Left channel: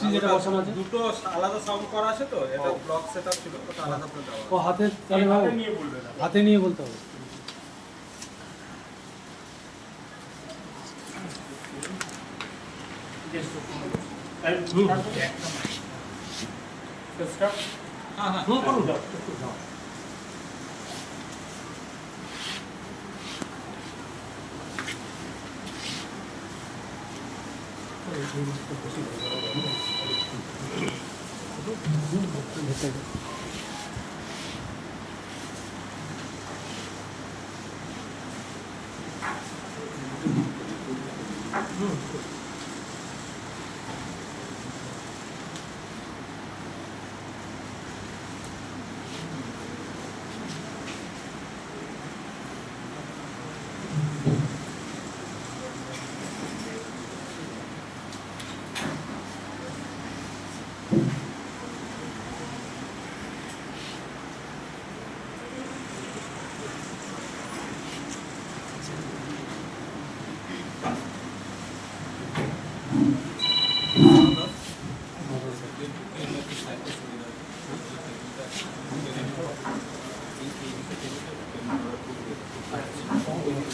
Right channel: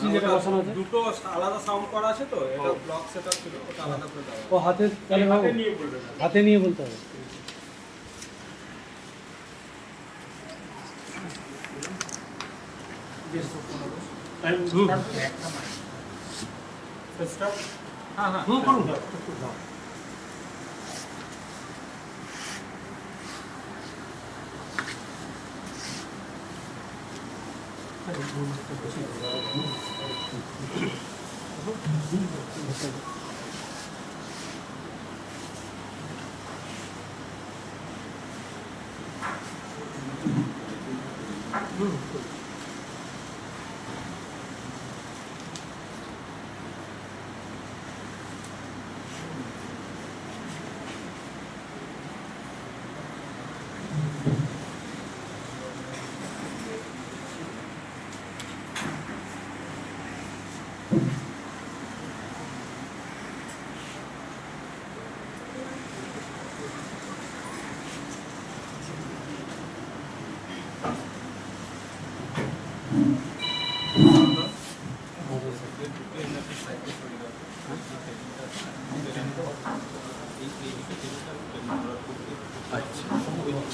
Still যেটা বসানো আছে দুটো আলাদা সাউন্ড করা আছে তো, এটা ব্লক সেটআপ ছিল, ওটা আলাদা করে দেওয়া। ও হাতে তাহলে হাতে নিয়ে বলবে না, হাতে নিয়ে বলতে হবে। হ্যাঁ হ্যাঁ করুন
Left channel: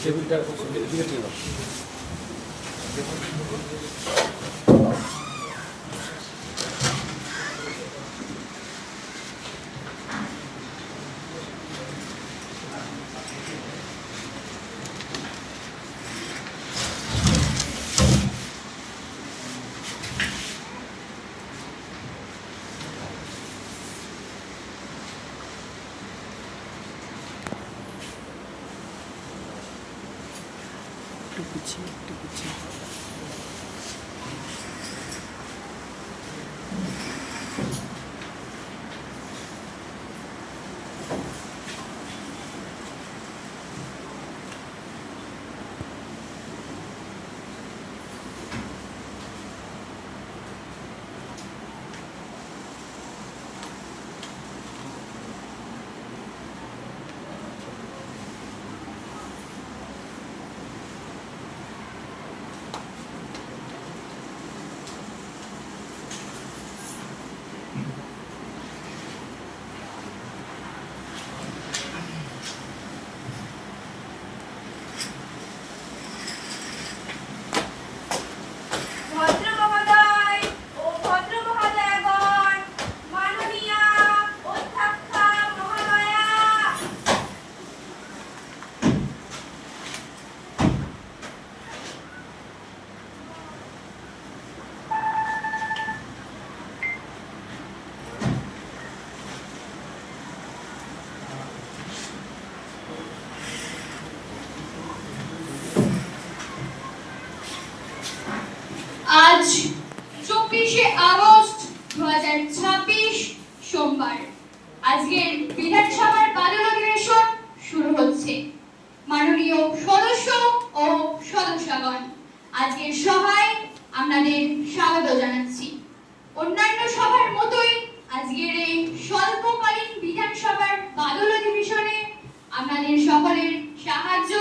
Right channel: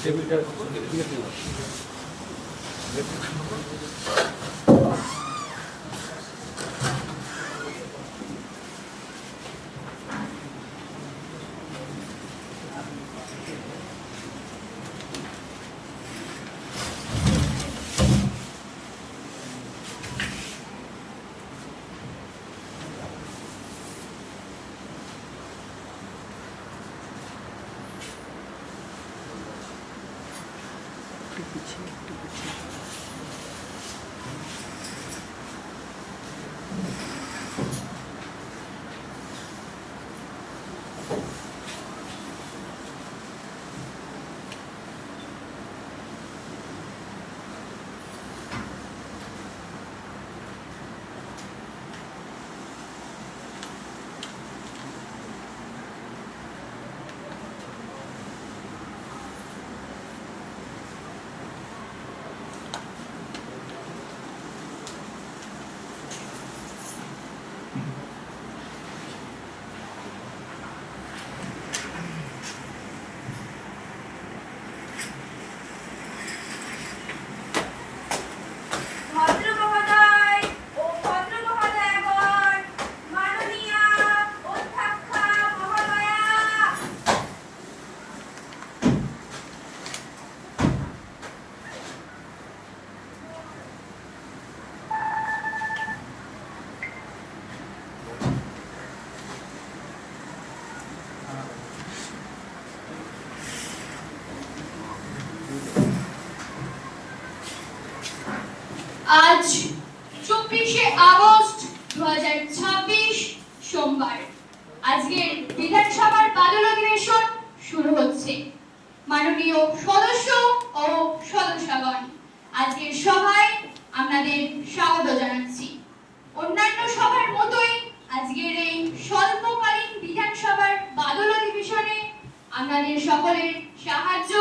টেবিলটা আজ 24শে আগস্ট 2026 সোমবার। আজকের বিধানসভার বাদল অধিবেশন শুরু হচ্ছে। মাননীয় সদস্য ও সদস্যগণ, আজকের সভায় আপনাদের স্বাগত জানাচ্ছি। অন্যান্য সভার মতোই আজকের এই স্বল্পকালীন বিধানসভার বাদল অধিবেশনে আপনাদের সকলের সাহায্য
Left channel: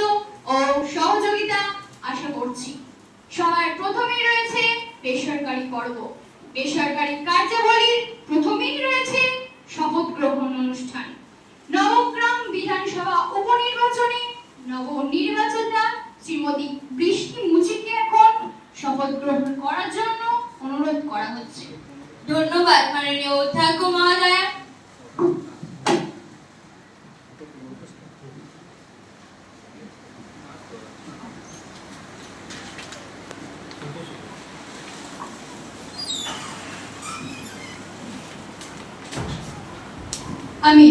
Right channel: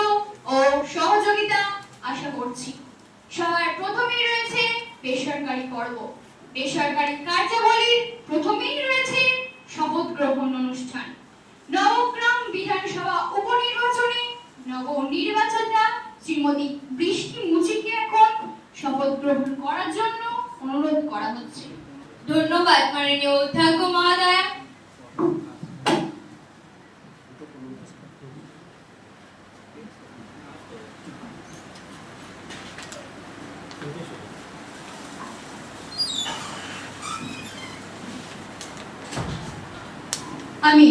ও সহযোগিতা আশা করছি। সবার প্রথমেই রয়েছে বেসরকারি পর্ব। বেসরকারি কার্যাবলীর প্রথমেই রয়েছে শপথ গ্রহণ অনুষ্ঠান। নবগ্রাম বিধানসভা উপনির্বাচনে নবনির্বাচিতা শ্রীমতী বৃষ্টি মুচিকে এখন শপথ গ্রহণ করার জন্য অনুরোধ করা হচ্ছে। ধন্যবাদ মাননীয় অধ্যক্ষ মহোদয়া। আমি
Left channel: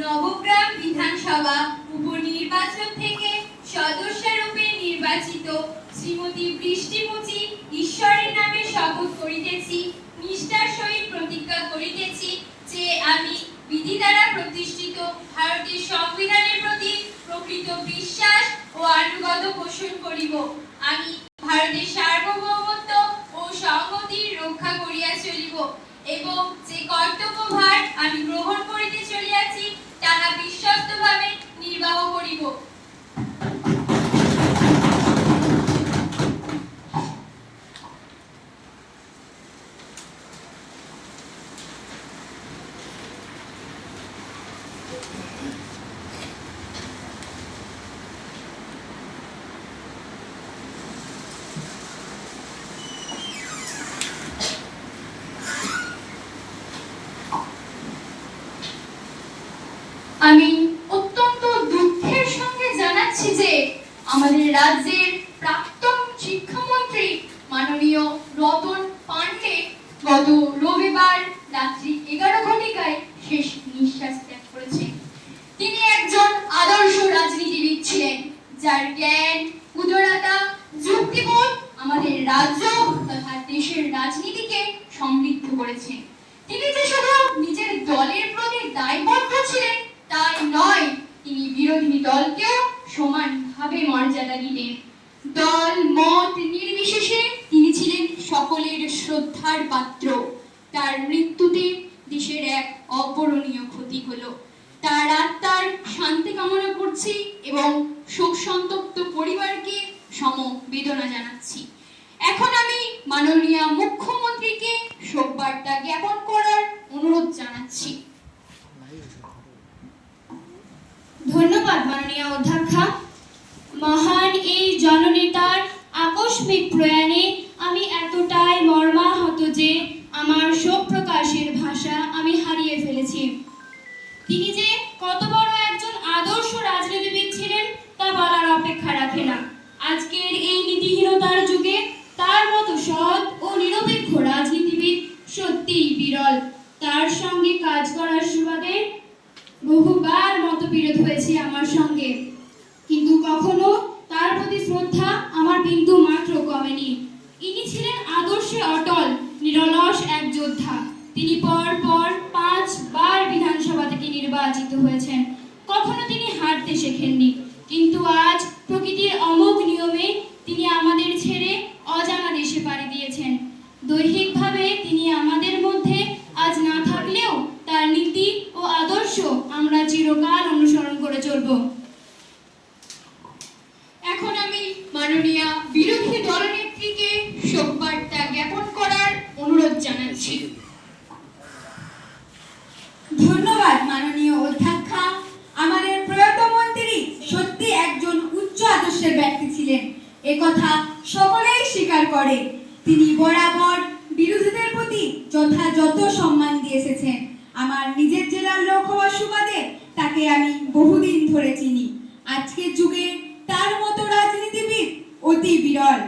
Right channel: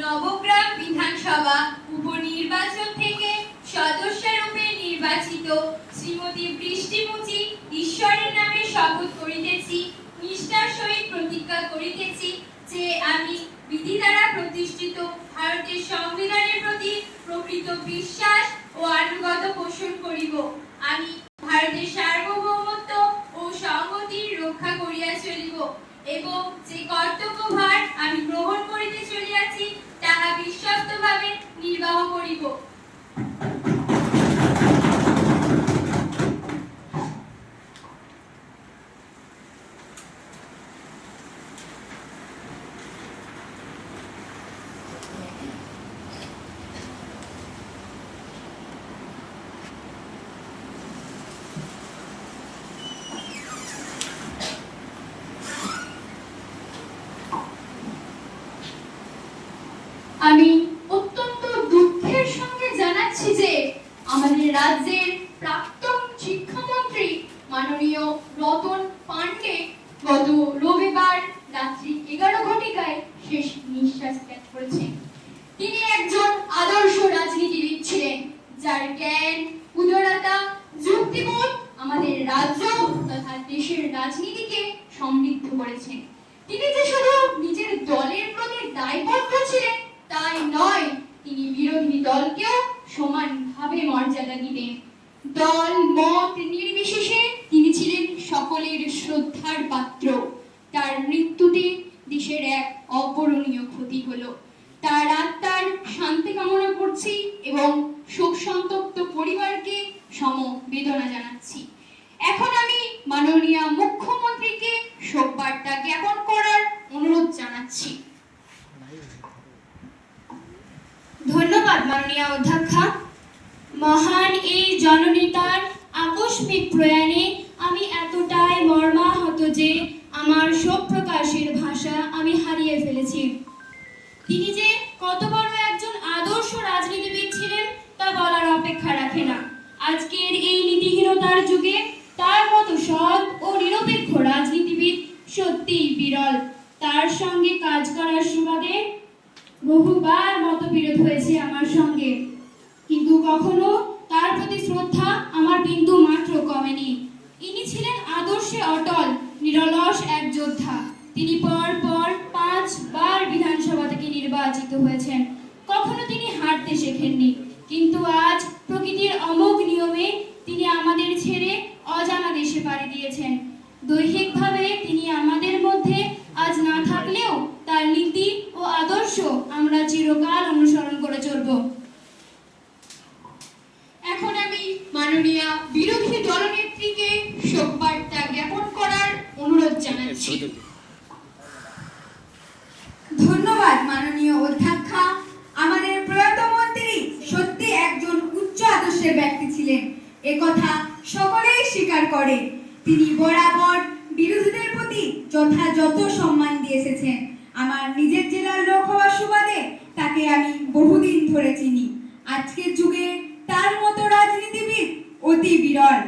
নবগ্রাম বিধানসভা উপনির্বাচন থেকে সদস্যরূপে নির্বাচিত শ্রীমতী বৃষ্টি মুচি ঈশ্বরের নামে শপথ করিতেছি, নিষ্ঠার সহিত প্রতিজ্ঞা করিতেছি যে আমি বিধি দ্বারা প্রতিষ্ঠিত ভারতের সংবিধানের প্রতি প্রকৃত বিশ্বাস ও আনুগত্য পোষণ করিব। আমি ভারতের সার্বভৌমত্ব ও সংহতির রক্ষা করিয়া চলিব এবং যে কর্তব্যভার আমি গ্রহণ করিতে চলিয়াছি তাহা বিশ্বস্তভাবে নির্বাহ করিব। মাননীয় রতন পান্ডে গত রবিবার রাত্রি 11 ঘটিকায় শেষ নিঃশ্বাস ত্যাগ করেছেন। তিনি একজন আদর্শ রাজনীতিবিদ ছিলেন, যার জ্ঞান, উদারতা, যুক্তিবোধ আমাদের রাজ্য তথা দেশের রাজনীতিকে সমৃদ্ধ করেছেন। তিনি যে শুধু নিজের দলের প্রতি দায়বদ্ধ ছিলেন তাই নয়, তিনি বিরোধী দলকেও সমানভাবে মর্যাদা দিতেন। দল মত নির্বিশেষে তিনি ছিলেন সকলের শ্রদ্ধার পাত্র। তার মৃত্যুতে দেশের এক অপূরণীয় ক্ষতি হলো। তার আত্মার শান্তি কামনা করছি এবং শোক সন্তপ্ত পরিবারকে সমবেদনা জানাচ্ছি। এখন আমি মাননীয় মুখ্যমন্ত্রীকে শোকবার্তা জ্ঞাপন করার অনুরোধ জানাচ্ছি। ধন্যবাদ মাননীয় অধ্যক্ষা। মহান এই জননেতার আকস্মিক প্রয়াণে আমি এতটাই মর্মাহত যে আমার শোক প্রকাশের ভাষা আমি হারিয়ে ফেলেছি। তিনি যে কত বড় একজন আদর্শ রাজনীতিবিদ ছিলেন তা বলার অপেক্ষা রাখে না। আজকের এই নীতিহীনতার যুগে তার মতো সৎ ও নিরপেক্ষ রাজনীতিবিদ সত্যিই বিরল। তার সঙ্গে কাজ করার সুবাদে বহুবার মতবিরোধ হয়েছে আমার সঙ্গে, কিন্তু কখনো তার প্রতি শ্রদ্ধা আমার বিন্দু মাত্র কমেনি। ইনি ছিলেন আদর্শে অটল, নিরলস এক যোদ্ধা। তিনি পর 5 বার বিধানসভা থেকে নির্বাচিত হয়েছেন। কখনো তিনি হারতে শেখেননি, কিন্তু আজ প্রকৃতির অমোঘ নিয়মে তিনি আমাদের ছেড়ে অজানা দেশে পাড়ি দিয়েছেন। দৈহিকভাবে তিনি আমাদের মধ্যে আজ না থাকলেও তার নীতি ও আদর্শ আমরা চিরকাল অনুসরণ করে চলব। এখন আমি মাননীয় বিরোধী দলনেত্রীকে শোকবার্তা জ্ঞাপন করার অনুরোধ জানাচ্ছি। ধন্যবাদ মাননীয় অধ্যক্ষা। আমাদের প্রয়াত মন্ত্রী সত্যি একজন উচ্চ আদর্শের ব্যক্তি ছিলেন, একথা সকলেই স্বীকার করে। তিনি বরাবর বিরোধীদের প্রতি যথাযথ সম্মান দিয়ে এসেছেন। আমার নিজের জেলার লোক হওয়ার সুবাদে তাকে আমি বহুদিন ধরে চিনি। আজকের যুগে তার মতো রাজনীতিবিদ অতি বিরল।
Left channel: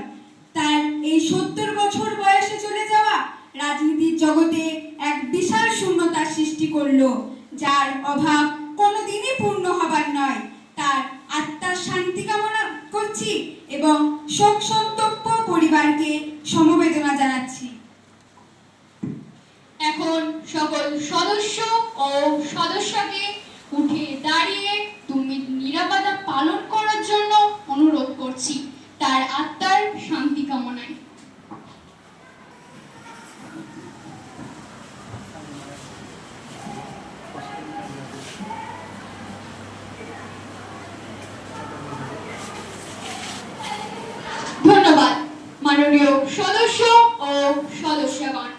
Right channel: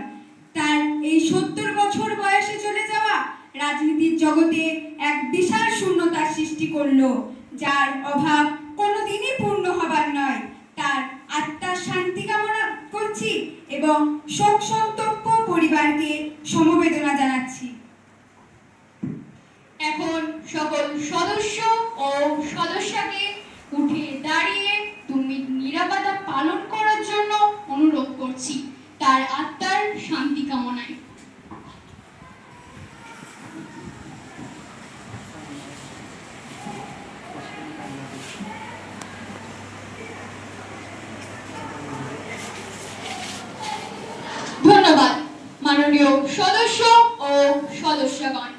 তার এই 70 বছর বয়সে চলে যাওয়া রাজনীতির জগতে এক বিশাল শূন্যতার সৃষ্টি করলো, যার অভাব কোনোদিনই পূর্ণ হবার নয়। তার আত্মার শান্তি কামনা করছি এবং শোক সন্তপ্ত পরিবারকে সমবেদনা জানাচ্ছি। এখন সকল সদস্য ও সদস্যকে উঠে দাঁড়িয়ে তুমি নিরাপত্তা পালন করার জন্য অনুরোধ করছি, তার আত্মার শান্তি কামনায়। ধন্যবাদ মাননীয় সদস্য ও সদস্যগণ।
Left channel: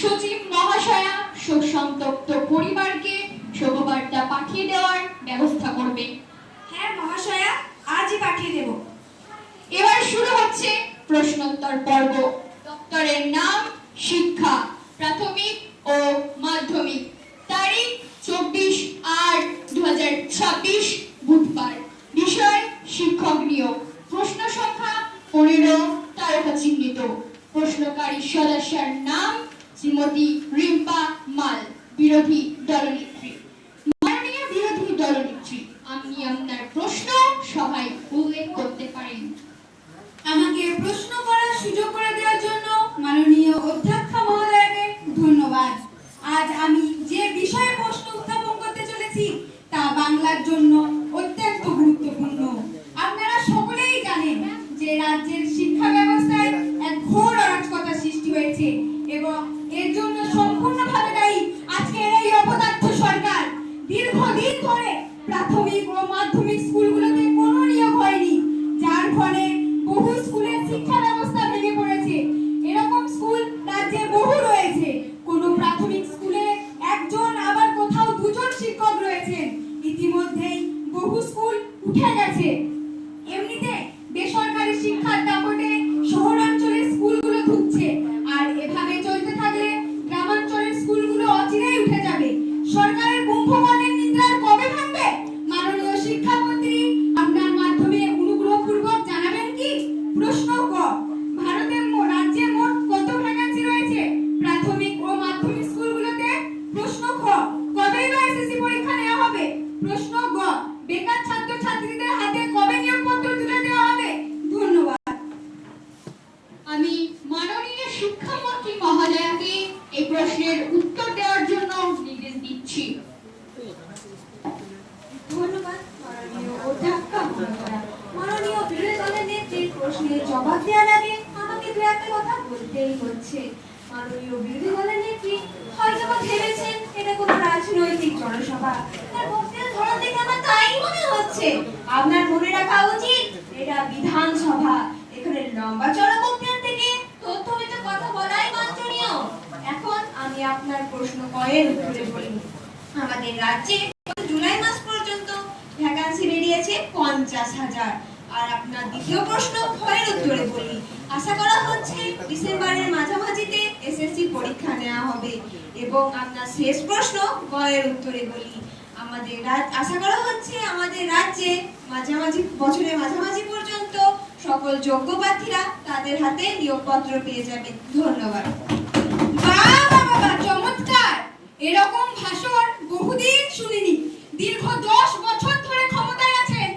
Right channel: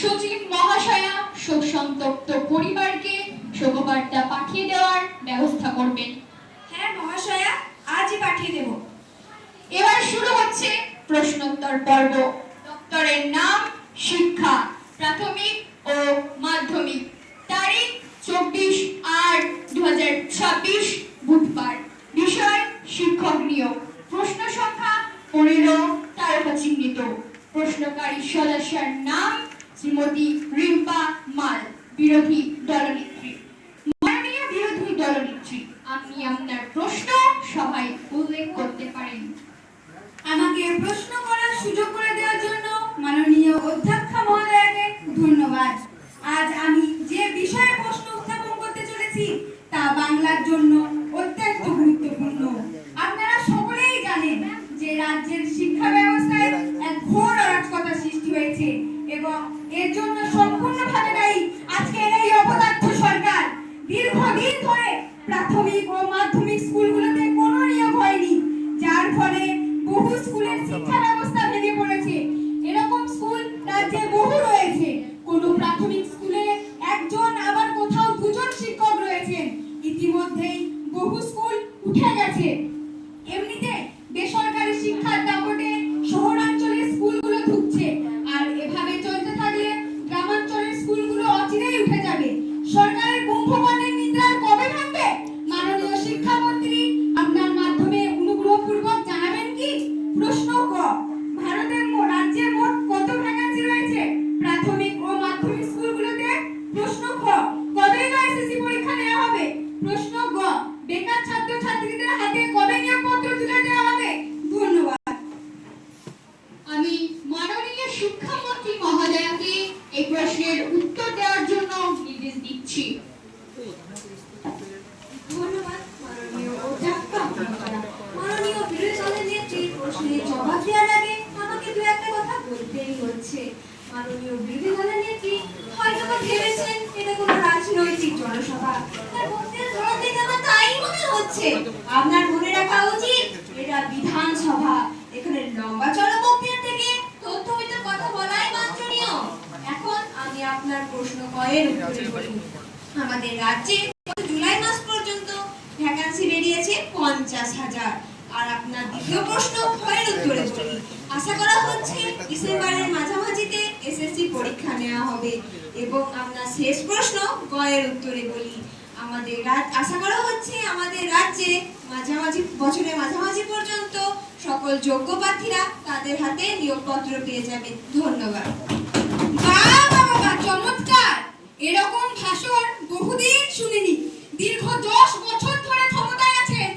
সচিব মহাশয়া শোক সন্তপ্ত পরিবারকে শোকবার্তা পাঠিয়ে দেওয়ার ব্যবস্থা করবেন। হ্যাঁ মহাশয়া, আজই পাঠিয়ে দেব। এবার শুরু হচ্ছে প্রশ্নোত্তর পর্ব। দপ্তরের নাম শিক্ষা, প্রাথমিক ও মাধ্যমিক। তারিখ 24/8/2026 বুধবার। বিষয় শিক্ষক নিয়োগ। প্রশ্ন সংখ্যা 15 তারকা চিহ্নিত। প্রশ্নকারী সদস্যের নাম শ্রীমতী রিম্পা মাল, বিরোধী দলনেত্রী। মাননীয় বিরোধী দলনেত্রী, আপনি আপনার প্রশ্ন সভায় উল্লেখ করতে পারেন। আমাকে প্রশ্ন করার সুযোগ করে দেওয়ার জন্য মাননীয় অধ্যক্ষা মহোদয়কে ধন্যবাদ। আজ আমি যে বিষয়ে প্রশ্ন উত্থাপন করতে চলেছি তা বাংলার জন্য অত্যন্ত গুরুত্বপূর্ণ। আপনারা সকলেই জানেন যে রাজ্যের শিক্ষা ব্যবস্থায় এক ঘোর অরাজকতা সৃষ্টি হয়েছে এবং এর জন্য সম্পূর্ণভাবে দায়ী আজকের এই অপদার্থ সরকার। দীর্ঘদিন ধরে প্রাথমিক ও মাধ্যমিক স্কুলগুলোতে কোনো নিয়োগ হয়নি, যার ফলে বহু স্কুলের শিক্ষা ব্যবস্থা ভেঙে পড়েছে। শিক্ষামন্ত্রী মহোদয়াকে এই প্রশ্নের উত্তর দেওয়ার জন্য নির্দেশ দিচ্ছি। ধন্যবাদ মাননীয় অধ্যক্ষ মহোদয়া। মাননীয় বিরোধী দলের নেত্রীর প্রশ্নে জবাব দেওয়ার আগে আমাকে দু একটা কথা বলতেই হচ্ছে। মাননীয় বিরোধী দলের নেত্রী হয়তো বা ভেবেছেন এটা কোনো রাজনৈতিক জনসভা। তার বক্তব্যের ধরন দেখে আমার তাই মনে হচ্ছে। আপনার মনে রাখা উচিত এটা বিধানসভা। এখানে লম্বা চড়া বক্তব্য থেকে তথ্যভিত্তিক কথা বলাই বাঞ্ছনীয়। এখন আমি আপনার প্রশ্ন কয়ের উত্তরে বলি। আমাদের রাজ্যে জুলাই মাস পর্যন্ত ভ্যাকান্সি বেরিয়েছে 50,000। আর আপনার দ্বিতীয় প্রশ্ন ক্ষয়ের উত্তরে বলি। আশা করা হচ্ছে ডিসেম্বরের মাঝামাঝিতে এসএসসি পরীক্ষা নেওয়া হবে। এবং আপনার শেষ প্রশ্ন গয়ের উত্তরে বলি। আশা করা হচ্ছে আমাদের রাজ্যে বছরের মাঝামাঝি পর্যন্ত সকল যোগ্য প্রার্থীরা তাদের হাতে নিয়োগপত্র পেয়ে যাবেন। ধন্যবাদ। বাহ বাহ বাহ, চমৎকার! এরকম ভাষণ বহুদিন শুনিনি। দীর্ঘ 10 বছর ধরে ক্ষমতায় আছেন,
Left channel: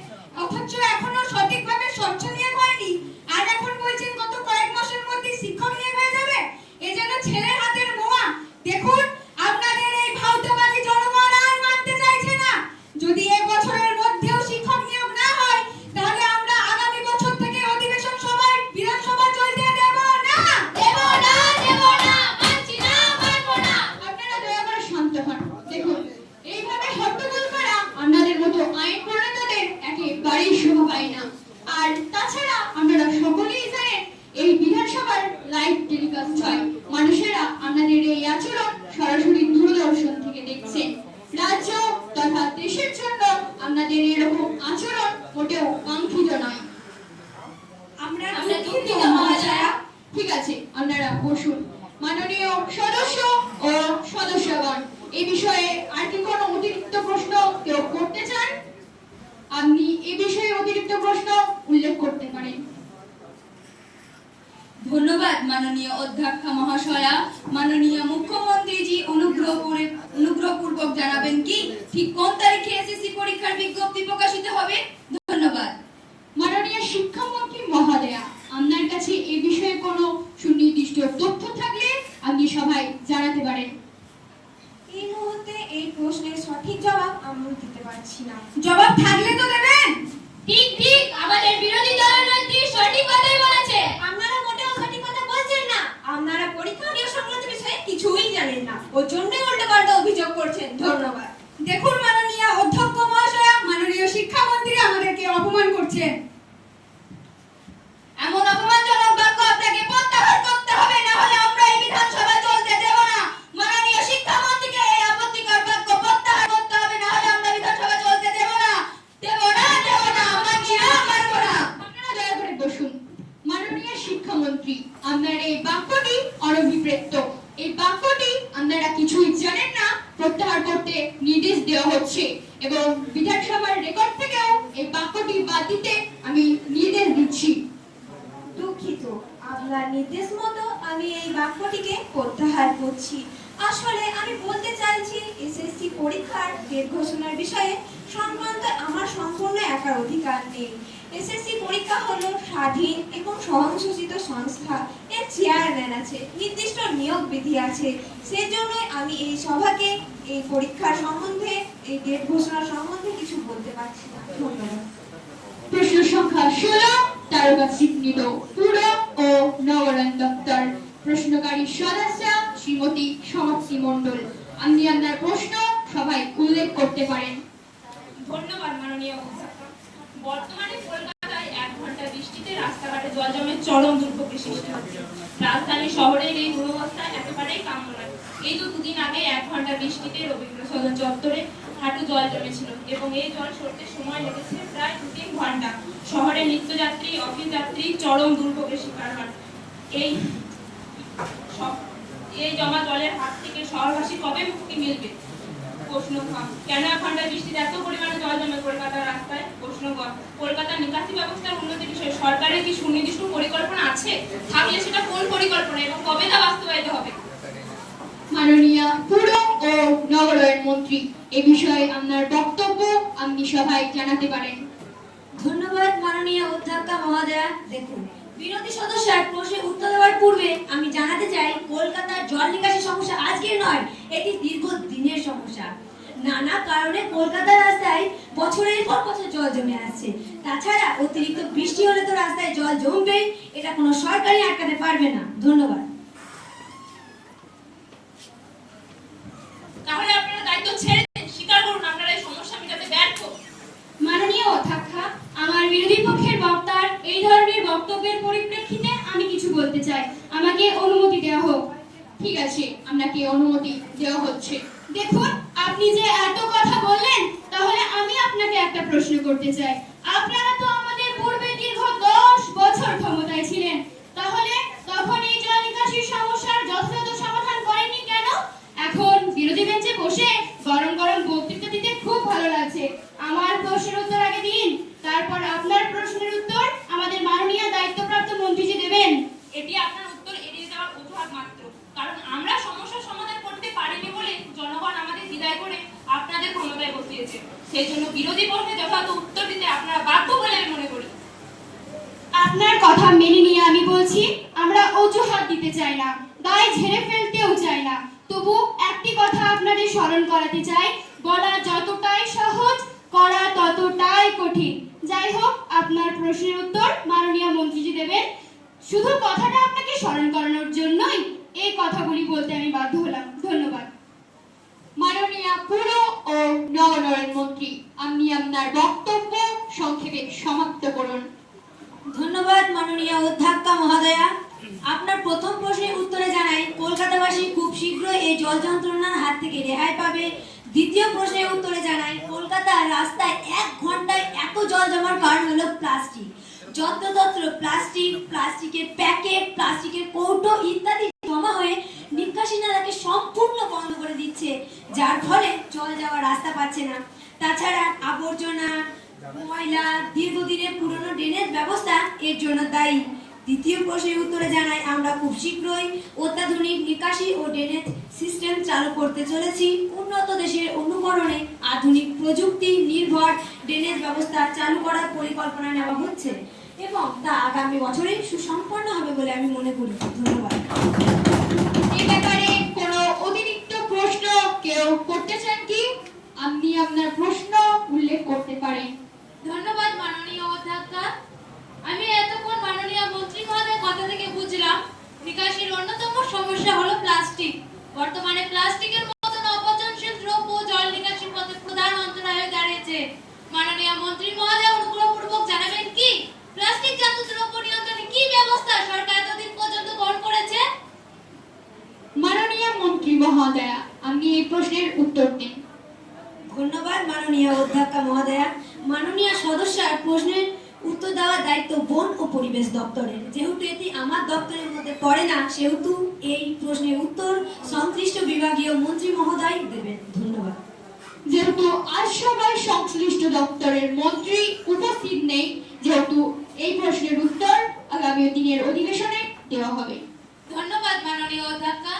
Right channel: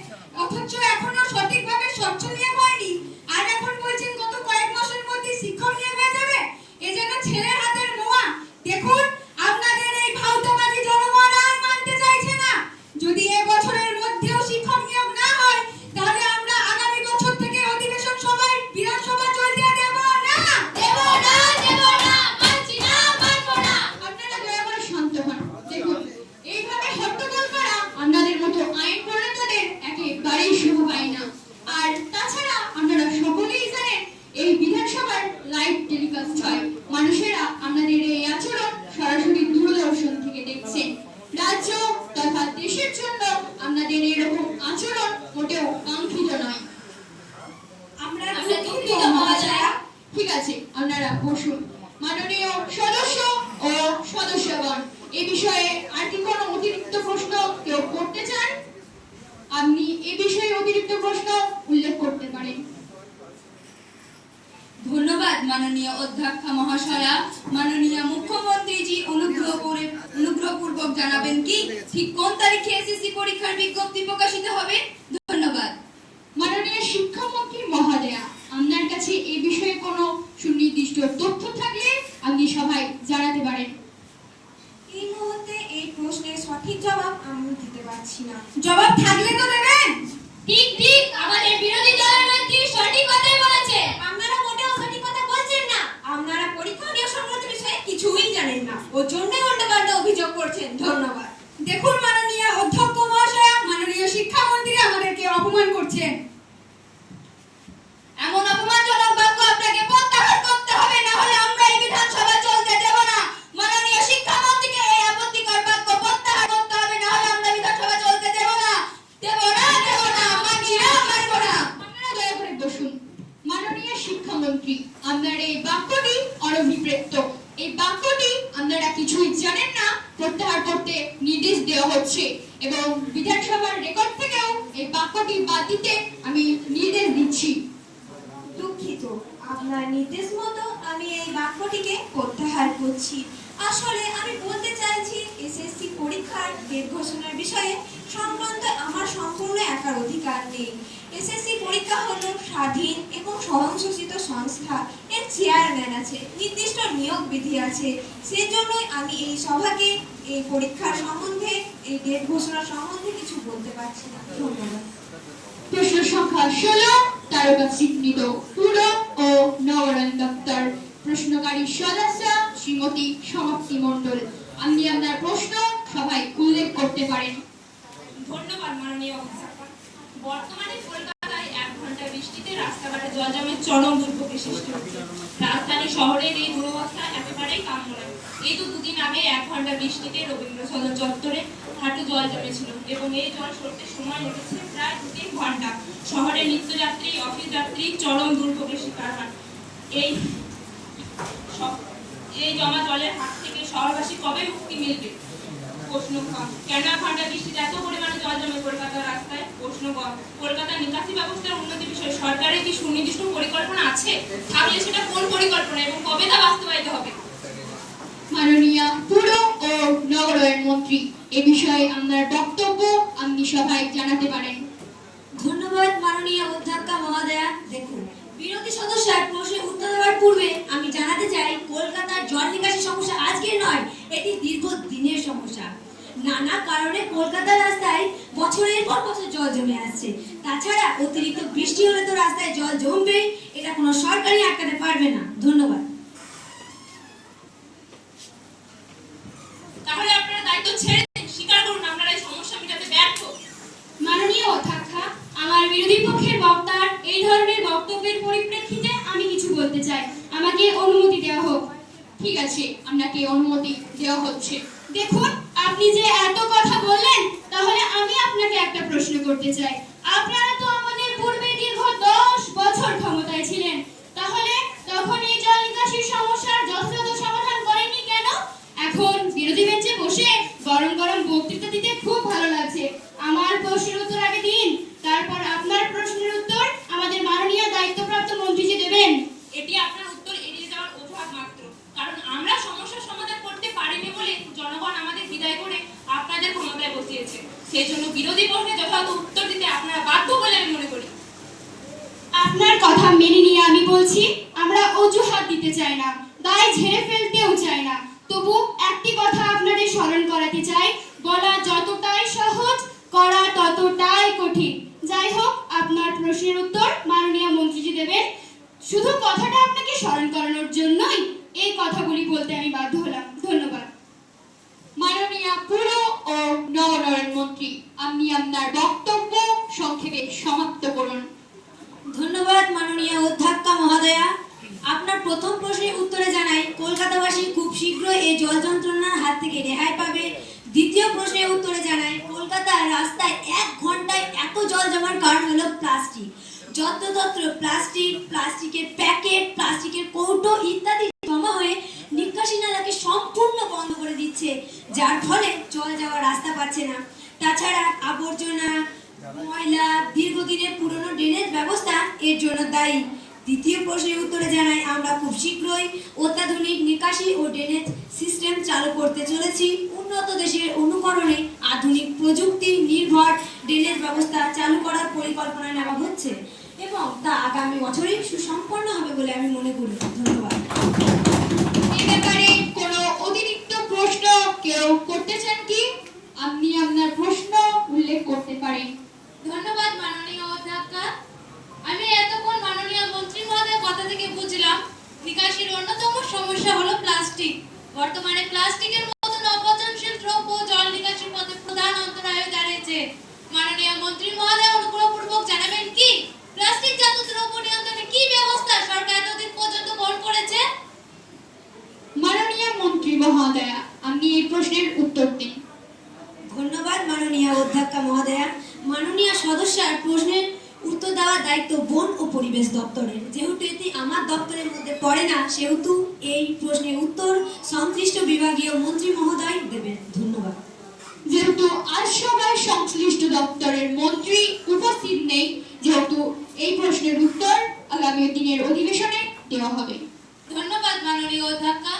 অথচ এখনো সঠিকভাবে স্বচ্ছ নিয়োগ হয়নি। আর এখন বলছেন গত কয়েক মাসের মধ্যে শিক্ষক নিয়োগ হয়ে যাবে। এ যেন ছেলের হাতের মোয়া। দেখুন, আপনাদের এই ভাউতাবাজি জনগণ আর মানতে চাইছে না। যদি এই বছরের মধ্যেও শিক্ষক নিয়োগ না হয়, তাহলে আমরা আগামী বছর থেকে অধিবেশন সভায় বিধানসভা চলতে দেব না। দেব না, দেব না, মানছি না, মানব না। আপনারা দয়া করে শান্ত হন। দেখুন, এইভাবে হট্টগোল করা আপনাদের মতো আইন প্রণেতাদের একেবারেই শোভা পায় না। আর তাছাড়া আপনারা সকলেই জানেন এই বিধানসভার লাইভ টেলিকাস্ট হয়। মানুষেরা আপনাদের এই আচরণ সরাসরি দূরদর্শন থেকে দেখছেন। রাজ্য তথা দেশের জন্য আপনাদের এরকম আচরণ মোটেও কাঙ্ক্ষিত নয়। আমরা দুঃখিত মহাশয়া। ঠিক আছে, আপনারা বসুন। মাননীয় সদস্য ও সদস্যগণ, এই বিষয়ে আর কি কোনো অতিরিক্ত প্রশ্ন কেউ করতে চান? আপনি এই বিষয়ে অতিরিক্ত প্রশ্ন উল্লেখ করতে পারেন। ধন্যবাদ মাননীয় অধ্যক্ষা মহাশয়া। মাননীয় মুখ্যমন্ত্রীজি অনুগ্রহপূর্বক জানাবেন কি ঠিক কোন তারিখে এসএসসি পরীক্ষার বিজ্ঞপ্তি প্রকাশিত হবে? ধন্যবাদ। মাননীয় শিক্ষামন্ত্রী মহোদয়া, আপনার কাছে এই বিষয়ে কোনো সুনির্দিষ্ট তথ্য থাকলে আপনি সবাই জানাতে পারেন। এই মুহূর্তে এই প্রশ্নের সঠিক জবাব আমি দিতে পারছি না। জবাব থাকলে তো দেবেন। ঠিক ঠিক, আমাদের বিরোধী দলের নেত্রী সঠিক কথাই বলেছে। আপনারা মোটেও সঠিক কথা বলছেন না। আপনারা পরীক্ষা নিয়োগ সংক্রান্ত বিষয়ে কিছুই জানেন না। ওর জন্যই উল্টোপাল্টা অভিযোগ করছেন। ধন্যবাদ। দেখুন মাননীয় অধ্যক্ষ মহাশয়া, মাননীয় শিক্ষামন্ত্রী আমাদেরকে অপমান করছেন। এমন অপমানজনক বাক্য আপনাকে প্রত্যাহার করতে হবে, না হলে আমরা এই বিধানসভা চলতে দেব না। মাননীয় শিক্ষামন্ত্রীকে এই আপত্তিকর বাক্য প্রত্যাহার করতে হবে, না হলে আমরা বিধানসভা চলতে দেব না। দেব না, দেব না, মানছি না, মানব না। আপনারা দয়া করে বসুন। মাননীয় শিক্ষামন্ত্রী, আপনার এই বাক্যটি অনভিপ্রেত। এই বাক্যটি আপনারা কিছুই জানেন না প্রত্যাহার করতে নির্দেশ দেওয়া হচ্ছে এবং বিধানসভার রেকর্ড থেকেও এই বাক্যটি বাদ দিতে আমি নির্দেশ দিচ্ছি। দুঃখিত, আপনার নির্দেশ মতো আমি এই বাক্যটিকে প্রত্যাহার করছি। আসলে আমি বলতে চাইছি এসএসসি পরীক্ষার ডেট ঘোষণার বিষয়ে সংক্রান্ত আমার সম্পূর্ণ একার অধিকার নেই। এসএসসি পরীক্ষা হলো স্বাধীন এবং স্বয়ংশাসিত সংস্থা। এর চেয়ারম্যান আছে, নির্দিষ্ট নিয়োগ বিধি আছে। সেজন্যই আমি এই সভাকে এই পরীক্ষার সম্বন্ধে, এই ডেট ঘোষণার সম্বন্ধে কিছু বলতে পারছি না। ধন্যবাদ। প্রশ্ন সংখ্যা 16, তারকা চিহ্নিত পুর ও নগরায়ণ দপ্তর। প্রশ্নকারী সদস্য শ্রীমতী সমাপ্তি মণ্ডল। আপনি আপনার প্রশ্ন সবাই উল্লেখ করতে পারেন। ধন্যবাদ মাননীয় অধ্যক্ষ। বর্তমানে কলকাতায় 1 ঘন্টা বৃষ্টিতে রাস্তাঘাটে জলজমের চরম দুর্ভোগের সৃষ্টি হচ্ছে। রাজধানী শহরের এই দুরবস্থা একেবারেই কাম্য নয়। এই তো দুদিন আগে 1 ঘন্টা বৃষ্টিতে রবীন্দ্র সদন চত্বরে হাঁটু জল জমেছিল এবং এই জল সরতে সময় লেগেছে প্রায় 2-3 ঘন্টা। শহরের নিত্যযাত্রী, অফিস যাত্রী চরম দুর্ভোগের শিকার হন। এই জমা জলের হাত থেকে শহরবাসী কবে মুক্তি মিলবে? প্রশ্ন কেন 1 ঘন্টা বৃষ্টিতে এত পরিমাণে জল জমে কলকাতার রাস্তায়? প্রশ্ন কলকাতার নিকাশি ব্যবস্থার উন্নতির বিষয়ে সরকারের কি সুনির্দিষ্ট পরিকল্পনা আছে? থাকলে সেটা কোন পরিকল্পনা এবং কবে তা বাস্তবায়িত হবে? মাননীয় পুর ও নগরায়ণ মন্ত্রী, এই বিষয়ে আপনার বক্তব্য আপনি সবাই জানাতে পারেন। ধন্যবাদ মাননীয় অধ্যক্ষ মহোদয়া। দেখুন, বিরোধী সদস্যরা প্রশ্নের উত্তর দেওয়ার পূর্বে আমি জানাতে চাই, কলকাতার জল নিকাশি সমস্যা আজকের নয়, এটি দীর্ঘদিনের সমস্যা। নানা কারণে কলকাতার রাস্তায় বছরের পর বছর জল জমে আসছে। তাছাড়া অতিরিক্ত বৃষ্টি হলে তো রাস্তায় জল জমবেই, এটা কোনো সরকারই আটকাতে পারবে না। ধন্যবাদ। তাহলে আপনারা দায়িত্ব ছেড়ে দিন, স্বীকার করুন আপনারা এই সমস্যা মেটাতে ব্যর্থ। মাননীয় অধ্যক্ষা, আমার বিরোধী পক্ষের বক্তার এই ধরনের বক্তব্যের পরিপ্রেক্ষিতে আমি কিছু বলতে চাই। আমাকে অনুমতি দেওয়া হোক। ঠিক আছে, আপনাকে অনুমতি দেওয়া হচ্ছে। দেখুন, আপনি যে এত কথা বললেন, তাহলে আমি আপনাকে একটা প্রশ্ন করতে চাই। আপনারা তো আমাদের পূর্বে দীর্ঘ 10 বছর ক্ষমতায় ছিলেন, তাহলে তখন এই জল নিকাশির সমস্যার যথাযথ সমাধান করেননি কেন? এখন বিরোধী বেঞ্চে বসে গরম গরম বক্তৃতা দিতে খুব ভালো লাগছে। আমার প্রশ্নের উত্তর আগে দিন, তারপর আপনার প্রশ্নের উত্তর আমাদের মাননীয় দায়িত্বপ্রাপ্ত মন্ত্রীজি দেবেন। এটি আপনার উত্তর এড়িয়ে যাওয়ার অজুহাত মাত্র, কারণ আমরা সমস্যার সমাধান করতে পারিনি বলে জনগণ আমাদের বিদায় করে আপনাদের ক্ষমতায় বসিয়েছে। সেই জন্য বিরোধী পক্ষে যথাযথ উত্তর দিতে আপনারা বাধ্য বলে আমি মনে করি। আপনার কথা মেনে নিয়ে আমি বলছি, আমরা অজুহাত দিতে চাই না, দায় ঝেড়ে ফেলতেও চাই না। তবু একটি কথা আপনাদের স্মরণ করাতে চাই, বলা যতটাই সহজ, করা ততটাই কঠিন। যাই হোক, আপনার প্রশ্নের উত্তর মাননীয় মন্ত্রীজি দেবেন। শুধু কথাটা আপনাকে স্মরণ করানোর জন্যই এই কথাগুলি বলতে আমি বাধ্য হলাম। ধন্যবাদ। মাননীয় পুর ও নগরায়ণ মন্ত্রী, আপনি আপনার বক্তব্য সংক্ষেপে সমাপ্ত করুন। ধন্যবাদ মাননীয় অধ্যক্ষা মহোদয়া। আপনার প্রথম প্রশ্নের উত্তরে জানাই, কলকাতাবাসী খুব শীঘ্রই এই জল যন্ত্রণার হাত থেকে রেহাই পাবে। দ্বিতীয় প্রশ্নের উত্তরে জানাই, কলকাতার রাস্তায় 1 ঘন্টায় এত জল জমার কারণ হলো প্লাস্টিক। যত্রতত্র প্লাস্টিক, প্লাস্টিকের প্যাকেট, প্লাস্টিকের কৌটো ইত্যাদি জমা হয়ে নিকাশি নালাকে সম্পূর্ণ বন্ধ করে দিচ্ছে, যার ফলে জল যাওয়ার রাস্তা পাচ্ছে না। তাছাড়া আবর্জনা, ময়লা, দীর্ঘদিনের পুরনো ড্রেনেজ ব্যবস্থা এর জন্য দায়ী। দ্বিতীয় প্রশ্নের উত্তরে জানাই, আমরা খুব শীঘ্রই অত্যাধুনিক নিকাশি ও ড্রেনেজ সিস্টেম চালু করতে চলেছি। উন্নত দেশের অনুকরণে আধুনিক প্রযুক্তি নির্ভর ড্রেনেজ ব্যবস্থা চালু করার পরিকল্পনা নেওয়া হচ্ছে এবং তা আগামী বছরেই সুসম্পন্ন হবে বলে আমি মনে করি। ধন্যবাদ। এ ব্যাপারে কোনো অতিরিক্ত প্রশ্ন কেউ করতে চান কি? আপনি আপনার প্রশ্ন উল্লেখ করতে পারেন। ধন্যবাদ মাননীয় অধ্যক্ষা। আমি এতক্ষণ মাননীয় মন্ত্রী মহোদয়ের কথা থেকে বুঝলাম, নিকাশির অন্যতম সমস্যা হলো প্লাস্টিক। বর্তমানে প্লাস্টিকের মতন অপচনশীল দ্রব্য জল নিকাশির পথে প্রধান অন্তরায় হয়ে দাঁড়িয়েছে। মাননীয় মন্ত্রী মহোদয় অনুগ্রহপূর্বক জানাবেন কি প্লাস্টিক জাত দ্রব্য নিয়ন্ত্রণে কি ব্যবস্থা সরকার এতদিন পর্যন্ত গ্রহণ করেছে? মাননীয় মন্ত্রী মহোদয়া, আপনি এই প্রশ্নের উত্তর দিন। ধন্যবাদ মাননীয় অধ্যক্ষা মহোদয়া। মাননীয় সদস্যার প্রশ্নের উত্তর দেওয়ার দায়িত্ব বন ও পরিবেশ দপ্তরের। যেহেতু এটি আমার দপ্তরের মধ্যে পড়ে না, সেহেতু এই প্রশ্নের উত্তর সংশ্লিষ্ট বিভাগীয় মন্ত্রী মহোদয় দেবেন। ধন্যবাদ। যেহেতু আজ সবাই সংশ্লিষ্ট দপ্তরের মন্ত্রী উপস্থিত নেই, যেহেতু এই প্রশ্নের উত্তর আগামী দিনের অধিবেশনে দেওয়া হবে। ধন্যবাদ মাননীয় অধ্যক্ষা।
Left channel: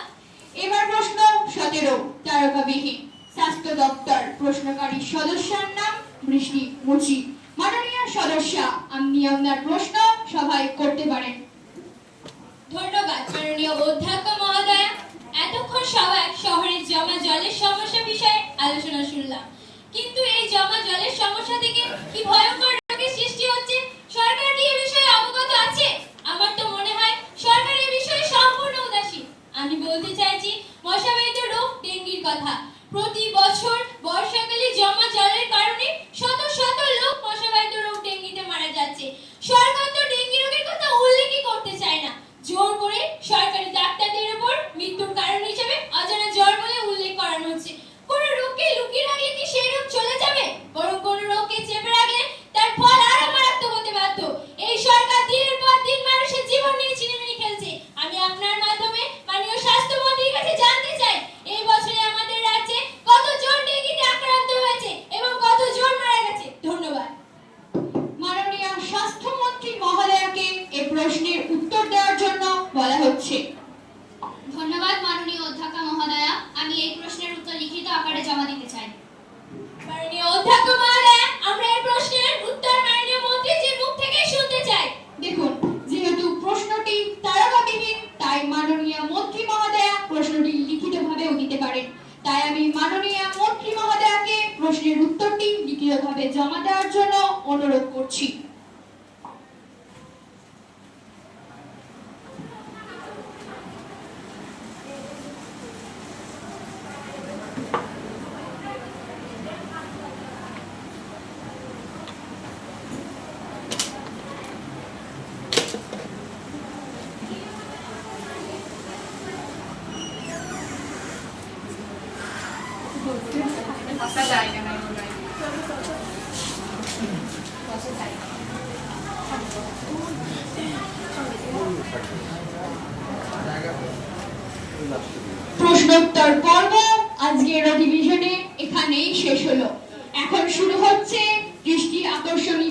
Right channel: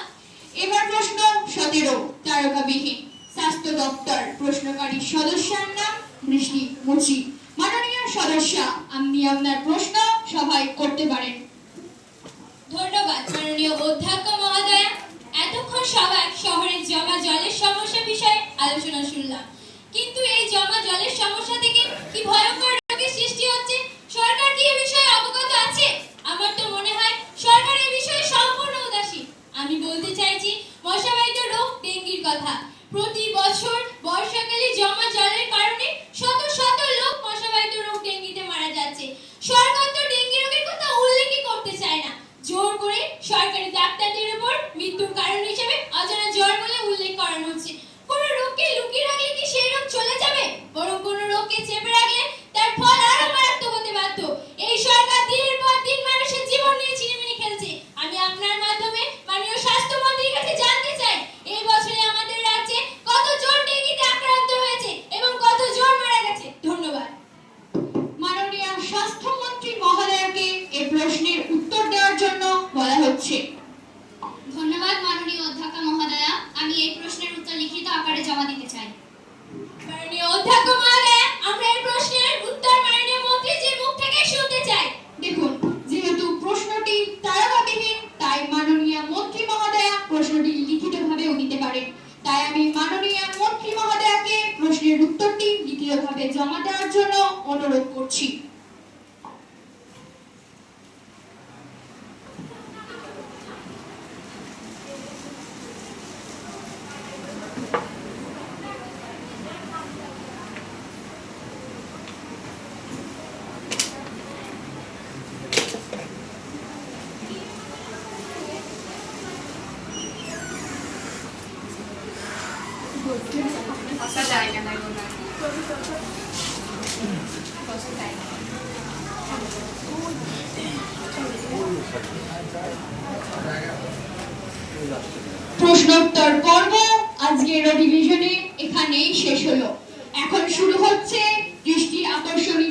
এবার প্রশ্ন 17, তারকাবিহীন। স্বাস্থ্য দপ্তর। প্রশ্নকারী সদস্যের নাম বৃষ্টি মুচি। মাননীয় সদস্য, আপনি আপনার প্রশ্ন সভায় করতে পারেন। ধন্যবাদ মাননীয় অধ্যক্ষ মহোদয়া। এতক্ষণ সবাই শহরের জমা জলের সমস্যা বিষয়ে আলোচনা শুনলাম, কিন্তু এই জমা জলের সমস্যা থেকে কি ভয়ঙ্কর রোগের সৃষ্টি হচ্ছে, সরকার কি এই বিষয়ে অবগত আছে? আমার তো মনে হয় সরকার এই বিষয়ে সম্পূর্ণ উদাসীন। আমি বলতে চাইছি মশাবাহিত রোগ ডেঙ্গির কথা। প্রতি বছর বর্ষাকালে জমা জলের কারণে শত শত লোক মশাবাহিত রোগ ডেঙ্গিতে মারা যাচ্ছে। সরকার তো ডেঙ্গি রোগের কথা উল্লেখই করতে চায় না। জোর করে সরকারি ডাক্তারদের উপর মৃত্যুর কারণ হিসেবে অজানা জ্বর বলে উল্লেখ করানো হচ্ছে। কোনো রোগকে লুকিয়ে রাখলে কি সেই রোগ চলে যাবে? বরং কোনো রোগকে চেপে রাখলে তার ফল আরো মারাত্মক হতে বাধ্য। এই সরকার দিনের পর দিন মানুষের জীবন নিয়ে ছিনিমিনি খেলছে। আমি আপনার মাধ্যমে মাননীয় স্বাস্থ্যমন্ত্রীর কাছে জানতে চাই, এই বছরে আমাদের রাজ্যে কতজন ডেঙ্গিতে আক্রান্ত হয়েছে এবং কতজন মারা গেছে? ধন্যবাদ। মাননীয় স্বাস্থ্যমন্ত্রী মহোদয়কে এই প্রশ্নের উত্তর দেওয়ার জন্য বলা হচ্ছে। ধন্যবাদ মাননীয় প্রশ্নোত্তর পর্ব আজকের অধিবেশনে এখানেই শেষ হলো। এখন শুরু হচ্ছে দৃষ্টি আকর্ষণী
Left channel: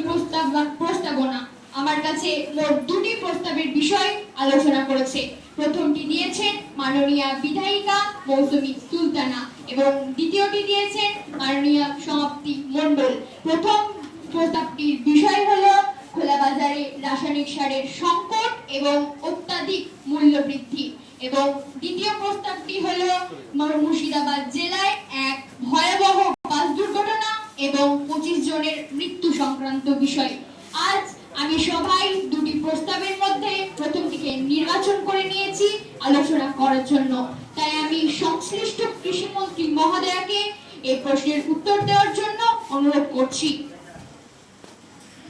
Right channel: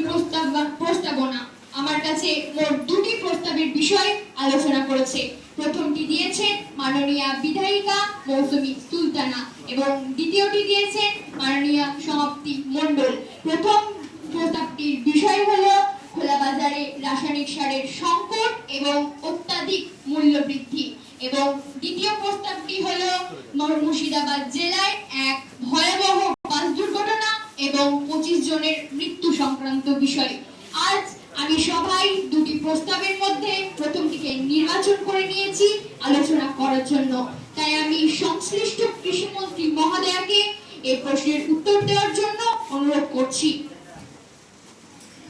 প্রস্তাবনা। আমার কাছে মোট দুটি প্রস্তাবের বিষয় আলোচনা করেছে। প্রথমটি দিয়েছেন মাননীয়া বিধায়িকা মৌসুমী সুলতানা এবং দ্বিতীয়টি দিয়েছেন মাননীয়া সমাপ্তি মণ্ডল। প্রথম প্রস্তাবটির বিষয় হলো খোলা বাজারে রাসায়নিক সারের সংকট এবং অত্যাধিক মূল্য বৃদ্ধি, এবং দ্বিতীয় প্রস্তাবটি হলো মুর্শিদাবাদ জেলায় এক ভয়াবহ বাস দুর্ঘটনা এবং 25 জনের মৃত্যু সংক্রান্ত বিষয়। আজ আমি সভায় দুটি প্রস্তাবের মধ্যে প্রথমটিকে নির্বাচন করে নিয়েছি আলোচনা করার জন্য। তাই আমি সংশ্লিষ্ট কৃষিমন্ত্রী মহোদয়াকে এই প্রশ্নের উত্তর দেওয়ার জন্য অনুরোধ করছি।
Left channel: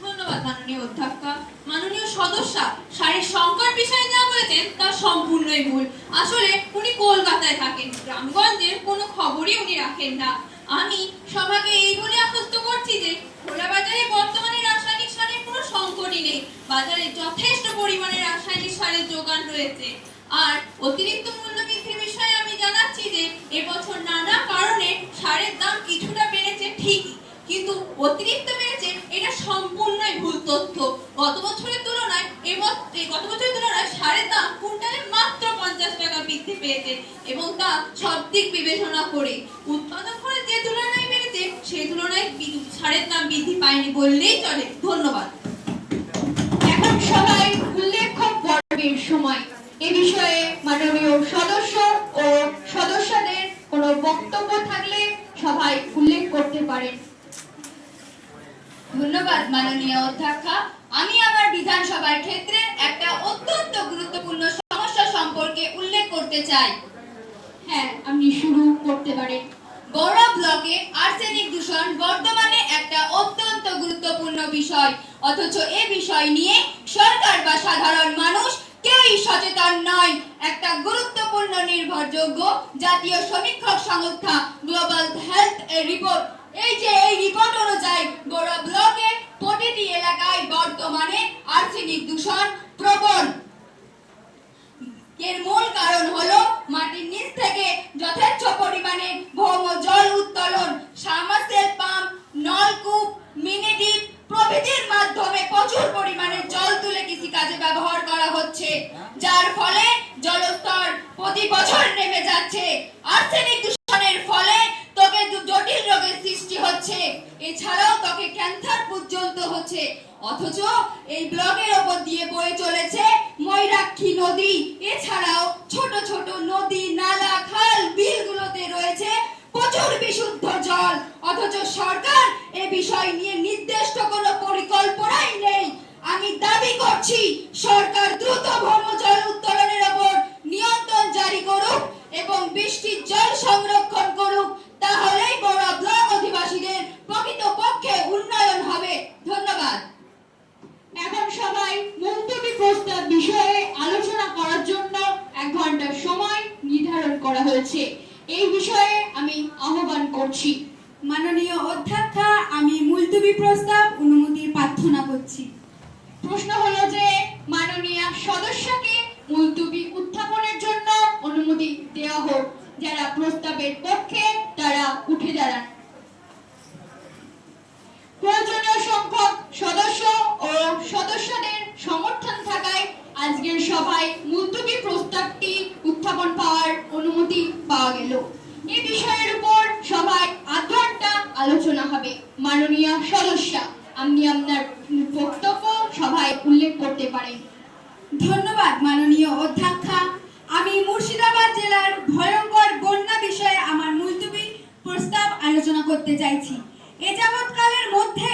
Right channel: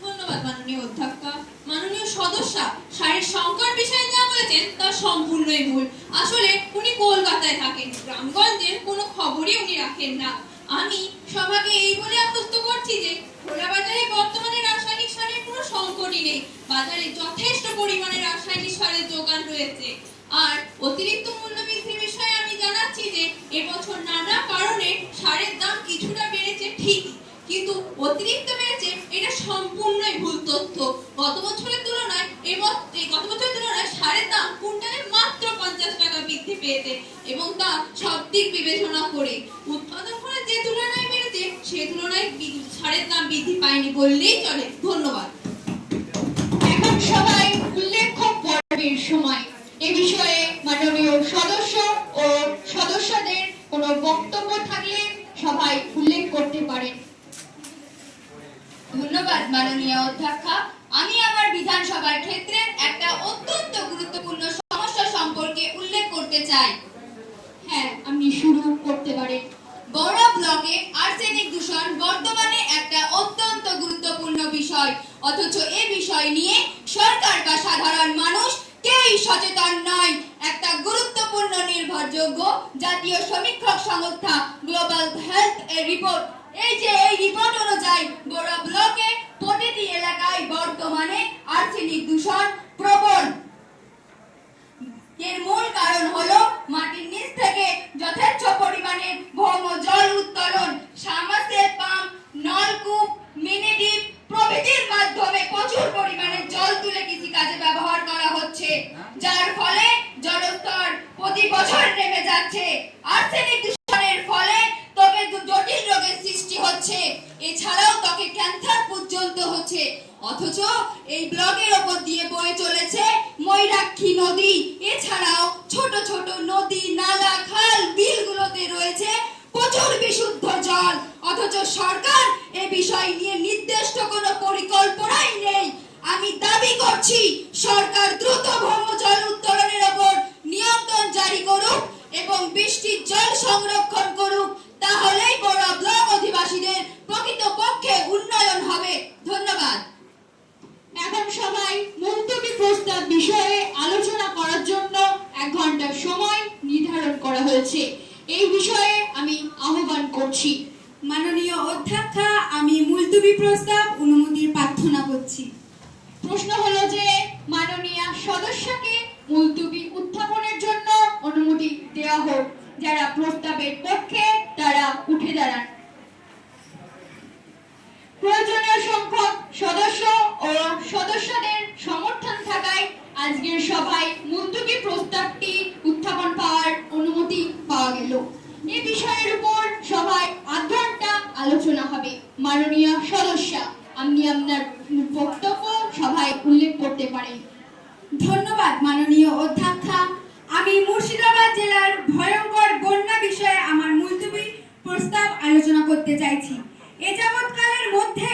ধন্যবাদ মাননীয় অধ্যক্ষা। মাননীয় সদস্যা শারীর সংকট বিষয়ে যা বলেছেন তা সম্পূর্ণই ভুল। আসলে উনি কলকাতায় থাকেন, গ্রামগঞ্জের কোনো খবরই উনি রাখেন না। আমি সবাইকে এই বলে আশ্বস্ত করছি যে খোলা বাজারে বর্তমানে রাসায়নিক সারের কোনো সংকটই নেই। বাজারে যথেষ্ট পরিমাণে রাসায়নিক সারের যোগান রয়েছে। আর অতিরিক্ত মূল্য বৃদ্ধির বিষয়ে আমি জানাচ্ছি যে এবছর নানা কারণে সারের দাম কিছুটা বেড়েছে ঠিকই, কিন্তু অতিরিক্ত বেড়েছে এটা সম্পূর্ণই ভুল তথ্য। গত বছরের তুলনায় সারের দাম কুইন্টালে মাত্র 50 টাকা বৃদ্ধি পেয়েছে, এবং তা সব দিক বিবেচনা করে। উৎপাদন করে যে তুলনায় বেড়েছে সেই তুলনায় সারের দাম বৃদ্ধি পায়নি বললেই চলে। ধন্যবাদ। এখন সবাই উল্লেখ্য পর্বের সময়। এ বিষয়ে মাননীয় সদস্য ও সদস্যদের কোনো বক্তব্য থাকলে সবাই উল্লেখ করতে পারেন। ধন্যবাদ মাননীয় অধ্যক্ষা। আমি আমার বিধানসভার ক্ষেত্রে একটা অত্যন্ত গুরুত্বপূর্ণ সমস্যা সম্পর্কে উল্লেখ করতে চাই। হ্যাঁ, আপনি শুরু করতে পারেন। বড়া ব্লকে আর্সেনিক দূষণ বর্তমানে একটা অত্যন্ত গুরুত্বপূর্ণ বিষয়, অথচ এ বিষয় নিয়ে সরকার বা সাধারণ মানুষ কেউই সচেতন নয়। একটা গুরুত্বপূর্ণ নির্ভরযোগ্য জাতীয় সমীক্ষক সংস্থা গ্লোবাল হেলথ এর রিপোর্ট, এই রিপোর্ট অনুযায়ী বড়া ব্লকে প্রতিটি এলাকায় বর্তমানে আর্সেনিক দূষণ প্রবল। এর মূল কারণ হলো মাটির নিচ থেকে যথেচ্ছ পরিমাণে ভৌম জল উত্তোলন, সাবমার্সেল পাম্প, নলকূপ, মিনি ডিপ প্রভৃতির মাধ্যমে প্রচুর পরিমাণে জল তুলে কৃষিকাজে ব্যবহার করা হচ্ছে, যার ফলে জলস্তর প্রতি বছর নেমে যাচ্ছে। আর্সেনিক দূষণের ফলে ত্বকে জটিল রোগের সৃষ্টি হচ্ছে, এছাড়াও ত্বকে ক্যান্সার পর্যন্ত হচ্ছে। অথচ এই ব্লকের ওপর দিয়ে বয়ে চলেছে ময়ূরাক্ষী নদী। এছাড়াও ছোট ছোট নদী, নালা, খাল, বিলগুলোতে রয়েছে প্রচুর বিশুদ্ধ জল, অথচ সরকার এ বিষয় নিয়ে নির্দিষ্ট কোনো পরিকল্পনাই নেই। আমি দাবি করছি সরকার দ্রুত ভৌম জল উত্তোলনের ওপর নিয়ন্ত্রণ জারি করুক এবং বৃষ্টির জল সংরক্ষণ করুক, তাহলেই বড়া ব্লক অধিবাসীদের প্রকৃতপক্ষে উন্নয়ন হবে। ধন্যবাদ। এখন সবাই মুলতবি প্রস্তাব বিষয়ে আলোচনা করার জন্য 1 ঘন্টা সময় নির্ধারণ করা হয়েছে। এই বিষয়ে আমি আহ্বান করছি। মাননীয় অধ্যক্ষা, আমি মুলতবি প্রস্তাব অনুমতির প্রার্থনা করছি। প্রশ্ন হলো যে মাননীয় সদস্যকে মুলতবি উত্থাপনের জন্য অনুমতি দেওয়া হোক। যারা প্রস্তাবের পক্ষে তারা উঠে দাঁড়ান। প্রয়োজনীয় সংখ্যক সদস্য ও সদস্যদের সমর্থন থাকায় আজকের সভায় মুলতবি প্রস্তাবটি উত্থাপন পাওয়ার অনুমতি পাওয়া গেল। এই বিষয়ের উপর সভায় 1 ঘন্টা আলোচনা হবে। মাননীয় সদস্যা, আপনি আপনার বক্তব্য সভায় উল্লেখ করতে পারেন। ধন্যবাদ মাননীয় অধ্যক্ষা। আমি মুর্শিদাবাদ জেলার ভয়ঙ্কর বন্যা বিষয়ে আমার মুলতবি প্রস্তাব আলোচনা করতে চাইছি। এ যাবৎকালের মধ্যে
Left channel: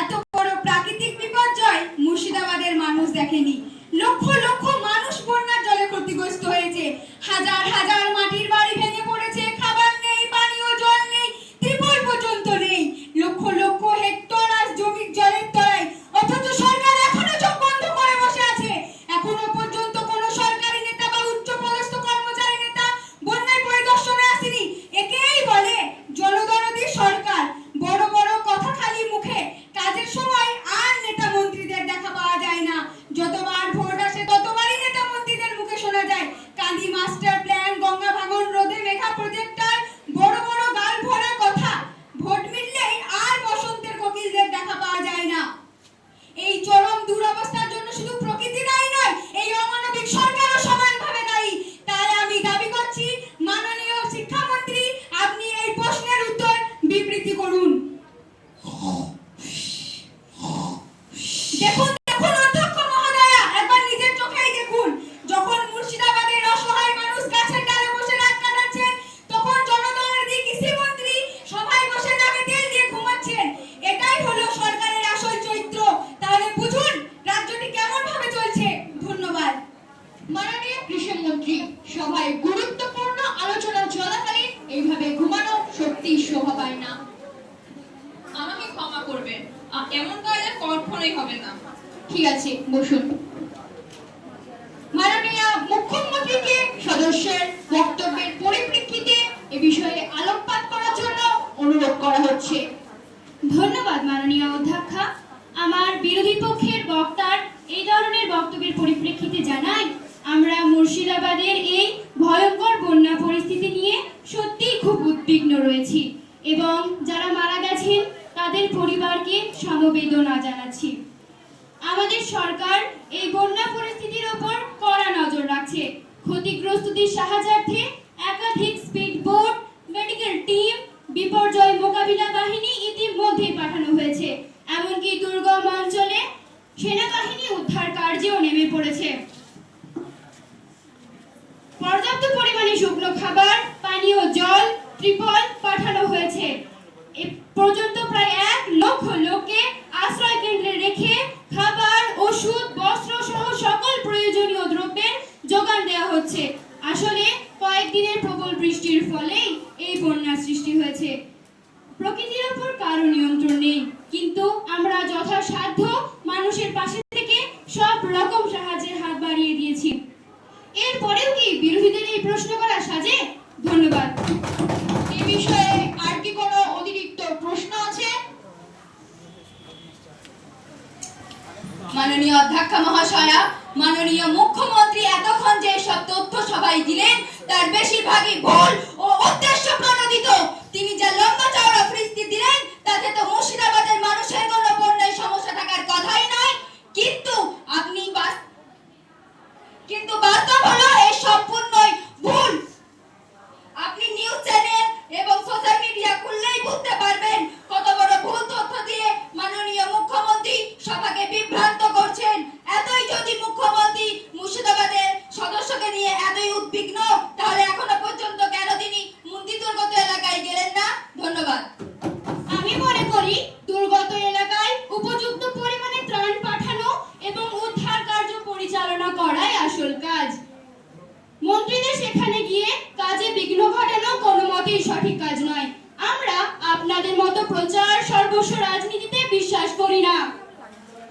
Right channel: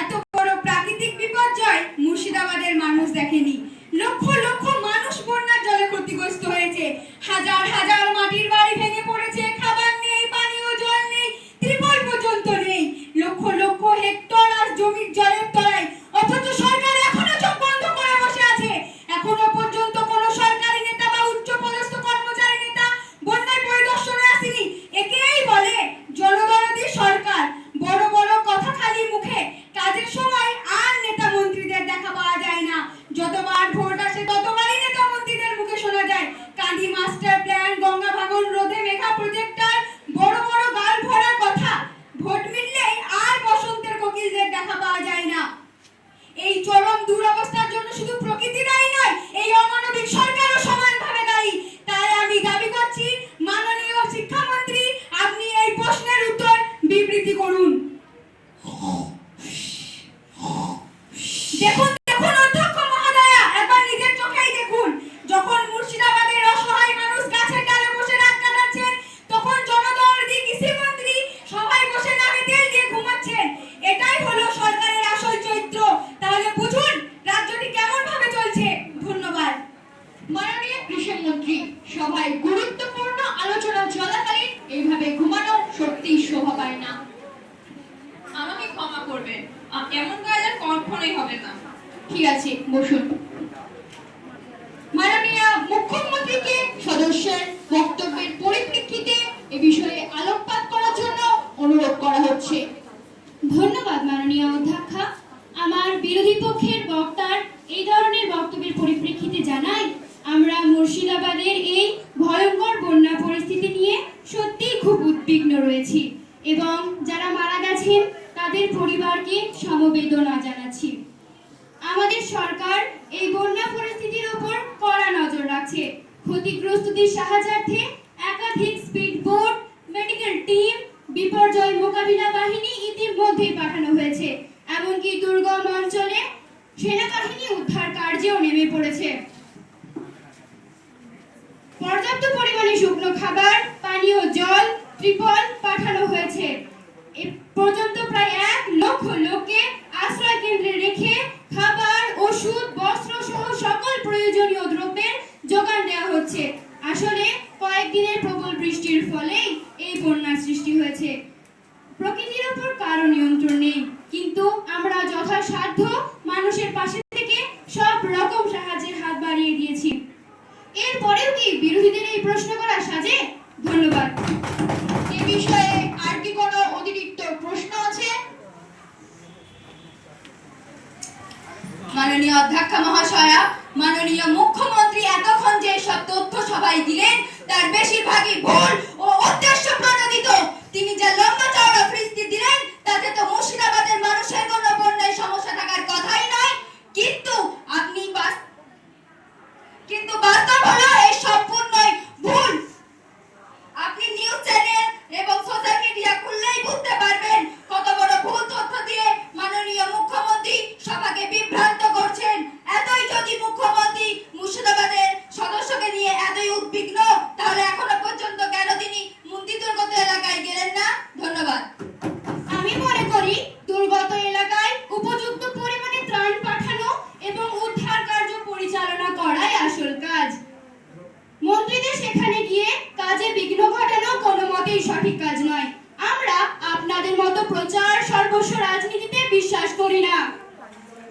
এত বড় প্রাকৃতিক বিপর্যয় মুর্শিদাবাদের মানুষ দেখেনি। লক্ষ লক্ষ মানুষ বন্যার জলে ক্ষতিগ্রস্ত হয়েছে। হাজার হাজার মাটির বাড়ি ভেঙে পড়েছে। খাবার নেই, পানীয় জল নেই, ত্রিপল পর্যন্ত নেই। লক্ষ লক্ষ হেক্টর আর জমির জলের তলায়, অথচ সরকার এখনো চোখ বন্ধ করে বসে আছে। এখনো পর্যন্ত কোনো সরকারি নেতা বা উচ্চপদস্থ কর্মচারী নেতা বন্যার পরিদর্শনে আসেনি। একেই বলে জল চাচ্ছি মাননীয় শিক্ষামন্ত্রী আপনি এই প্রশ্নের উত্তর বিবৃতি করুন। দেখুন দেখুন অধ্যক্ষ মহোদয়া, একবার নিজের চোখেই দেখুন। যখন মুর্শিদাবাদের অসহায় মানুষ গাছের ডালে বসে রাত কাটাচ্ছেন, তখন জনদরদি কৃষিমন্ত্রী সবাই বসে নাকে তেল দিয়ে ঘুমাচ্ছেন। এটাই হলো সরকারের আসল চরিত্র। তাহলে বুঝুন রাজ্যটি কেমন ভাবে চলছে। ধন্যবাদ। মাননীয় কৃষিমন্ত্রী, সভায় গুরুত্বপূর্ণ আলোচনা চলাকালীন এইভাবে ঘুমানো সত্যিই শোভা পায় না। আমাকে ক্ষমা করবেন, এমন কাজ আর কখনোই হবে না। ঠিক আছে, বসুন। মাননীয় মুখ্যমন্ত্রীকে সদস্যের বক্তব্যের পরিপ্রেক্ষিতে এ বিষয়ে আলোকপাত করার জন্য অনুরোধ করা হচ্ছে। ধন্যবাদ মাননীয় অধ্যক্ষা। আমার বিরোধী পক্ষের বক্তার এই ধরনের বক্তব্যের পরিপ্রেক্ষিতে জানাই, আমরা মুর্শিদাবাদের এই ভয়ঙ্কর বন্যা পরিস্থিতি নিয়ে সত্যিই খুব উদ্বিগ্ন রয়েছি এবং যারা মারা গেছেন তাদের পরিবারকে সমবেদনা জানাচ্ছি। আমাদের সরকার এই বন্যা পরিস্থিতির উপর কড়া নজর রাখছে। ক্ষতিগ্রস্তদের সাহায্যার্থে একাধিক স্পিড বোট, মেডিকেল টিম, বিপর্যয় মোকাবিলা বাহিনী ইতিমধ্যে পাঠানো হয়েছে। এমনকি দুর্গম অঞ্চলে সেনাবাহিনী উদ্ধার কার্যেও নেমে পড়েছে। পর্যাপ্ত পরিমাণে শুকনো খাবার, পানীয় জল, ত্রিপল পাঠানো হয়েছে। এ পর্যন্ত প্রায় 1 লক্ষ লোককে আশ্রয় কেন্দ্রে রেখে খাবার, ওষুধ, বস্ত্র সহ সকল প্রয়োজনীয় দ্রব্যের যোগান দেওয়া হচ্ছে। আসলে কয়েকদিনের প্রবল বৃষ্টির ফলেই এই বন্যার সৃষ্টি হয়েছে। প্রকৃতির উপর কারো নিয়ন্ত্রণ নেই, কিন্তু আমরা যথাসাধ্য মানুষের পাশে থেকে সব রকম সাহায্যের হাত বাড়িয়ে দিয়েছি। এরপরেও কি বিরোধীদের এই প্রশ্ন করা সাজে? ধন্যবাদ। এই বিষয়ে আর কি কোনো অতিরিক্ত প্রশ্ন আছে? মাননীয় অধ্যক্ষা মহাশয়া, মাননীয় মুখ্যমন্ত্রী এতক্ষণ যে সব তথ্য সবাই দিলেন তার বেশিরভাগই ভুল ও উদ্দেশ্য প্রণোদিত। তিনি যা লম্বা চওড়া ফিরিস্তি দিলেন তাতে তো মুর্শিদাবাদের মানুষের কোনো বন্যায় সমস্যা থাকার কথাই নয়। কিন্তু বাস্তব হলো এই সম্পূর্ণই ভুল। আপনি নিউজ চ্যানেল এবং সোশ্যাল মিডিয়া খুললেই বুঝতে পারবেন কত বড় ভুল তথ্য দিয়ে মাননীয় মুখ্যমন্ত্রী সবাইকে বিভ্রান্ত করছেন। এতই যদি মুখ্যমন্ত্রী মুর্শিদাবাদের সদস্যকে নিয়ে এতই উদ্বিগ্ন, তাহলে এখনো পর্যন্ত কেন তিনি মন্দির দুর্গত এলাকায় গেলেন না? ধন্যবাদ। আমি মনে করি দুর্গত এলাকায় উপযুক্ত পরিমাণে ত্রাণ পাঠানো এবং উদ্ধার কার্য পরিচালনা করাই আসল কাজ। মন্ত্রীদের সেখানে গিয়ে কাজে বিঘ্ন ঘটানো কোনো মতেই সঠিক কাজ নয়। আমরা আপনাদের মতো প্রচার সর্বস্ব রাজনীতিতে বিশ্বাস করি না।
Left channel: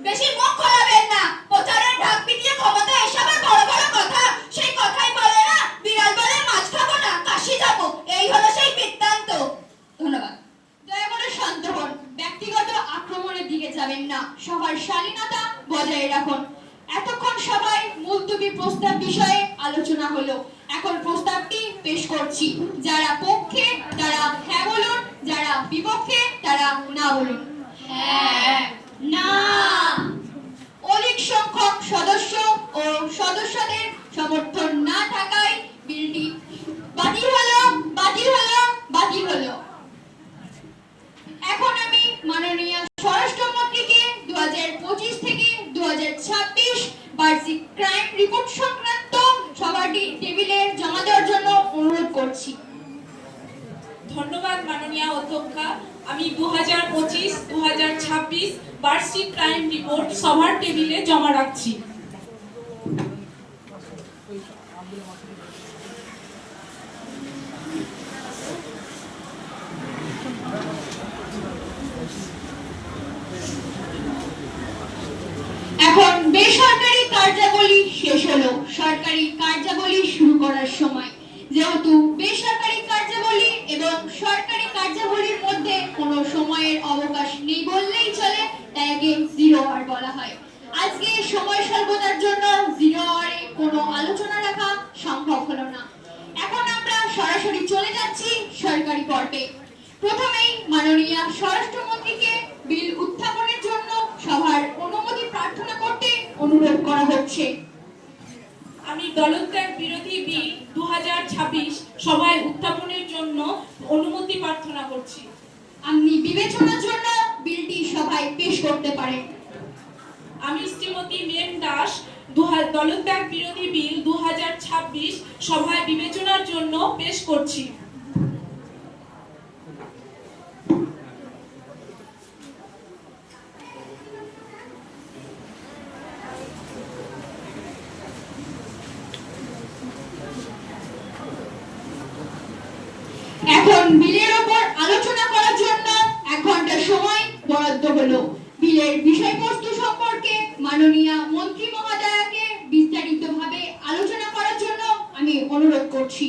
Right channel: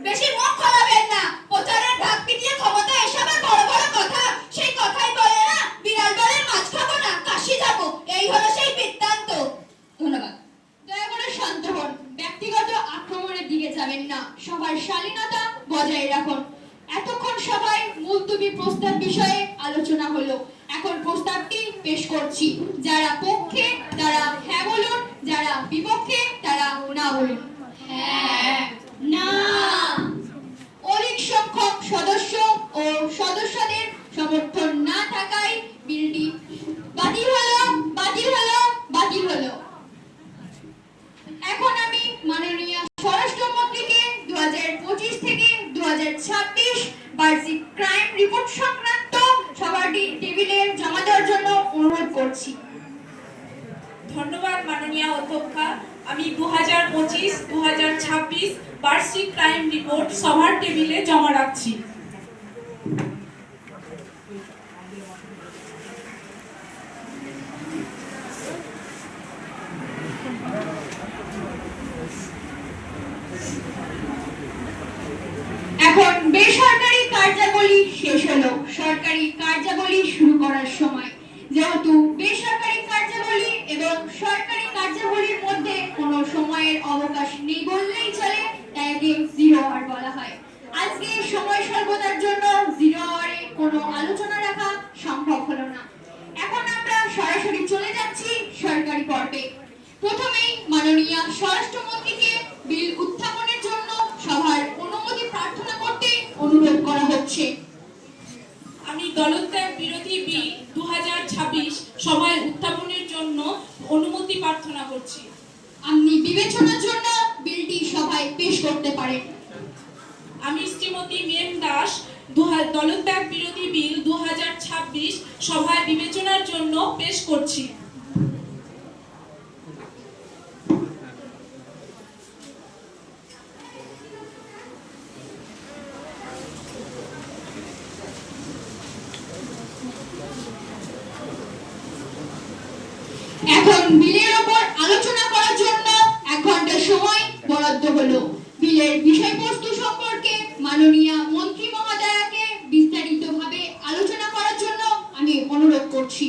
বেশি মুখ খোলাবেন না। প্রচারের ঢাক পিটিয়ে ক্ষমতা এসবের বড় বড় কথা, সেই কথাই বলে না বিড়াল বলে মাছ খাবো না কাশি যাবো, এই হলো সেই বৃত্তান্ত। ধন্যবাদ। দয়া করে শান্ত হন, ব্যক্তিগত আক্রমণের দিকে যাবেন না, সবার শালীনতা বজায় রাখুন। এতক্ষণ সবাই মুলতবি প্রস্তাব বিষয়ে আলোচনা হলো, এখন প্রস্তাবটি পেশ করছি। যারা পক্ষে তারা হ্যাঁ বলুন, যারা বিপক্ষে তারা না বলুন। হ্যাঁ, না। অধিক সংখ্যক সদস্য ও সদস্যদের সমর্থন না থাকায় বিলটি বাতিল হলো, বাতিল হলো, বাতিল হলো। এখন আমি মাননীয় স্বরাষ্ট্রমন্ত্রীকে 2025 থেকে 2026 বার্ষিক ক্রাইম রিপোর্ট সংক্রান্ত সভাটি টেবিলে জমা দেওয়ার জন্য অনুরোধ করছি। ধন্যবাদ মাননীয় অধ্যক্ষা। আমি 2025-2026 বার্ষিক ক্রাইম রিপোর্ট সভার টেবিলে জমা রাখছি। এখন বেসরকারি কার্যাবলী শেষ হলো, সরকারি কার্যাবলী শুরু করার সময়। যেহেতু বেসরকারি কার্যাবলী এবং সরকারি কার্যাবলীর মধ্যে কোনো সময়ের অবকাশ নেই বললেই চলে, তাই একে 0 আওয়ার বলা হয়। আজকে সময় স্বল্পতার জন্য 0 আওয়ারে কোনো আলোচনা রাখা সম্ভব হলো না। এখন আমরা সরাসরি চলে যাচ্ছি সরকারি পর্বে। প্রথমেই মাননীয় স্বরাষ্ট্রমন্ত্রীকে বিল উত্থাপনের জন্য সভার অনুমতি প্রার্থনা করতে অনুরোধ করা হচ্ছে। আমি দলত্যাগ বিরোধী বিল 2026 2026 সভায় উত্থাপনের জন্য অনুমতি প্রার্থনা করছি। আপনি বিবেচনার জন্য বিলটি সভায় পেশ করতে পারেন। আমি শ্রীমতী মেম দাস দলত্যাগ বিরোধী বিল 2026 সভায় বিবেচনার জন্য পেশ করছি। এখন বিলের ওপর আলোচনা করার জন্য 1 ঘন্টা সময় বরাদ্দ হলো। বিলের বিষয়বস্তু সম্পর্কে মাননীয় মন্ত্রী মহোদয়াকে বিস্তারিতভাবে আলোচনা করার জন্য আমি অনুরোধ করছি।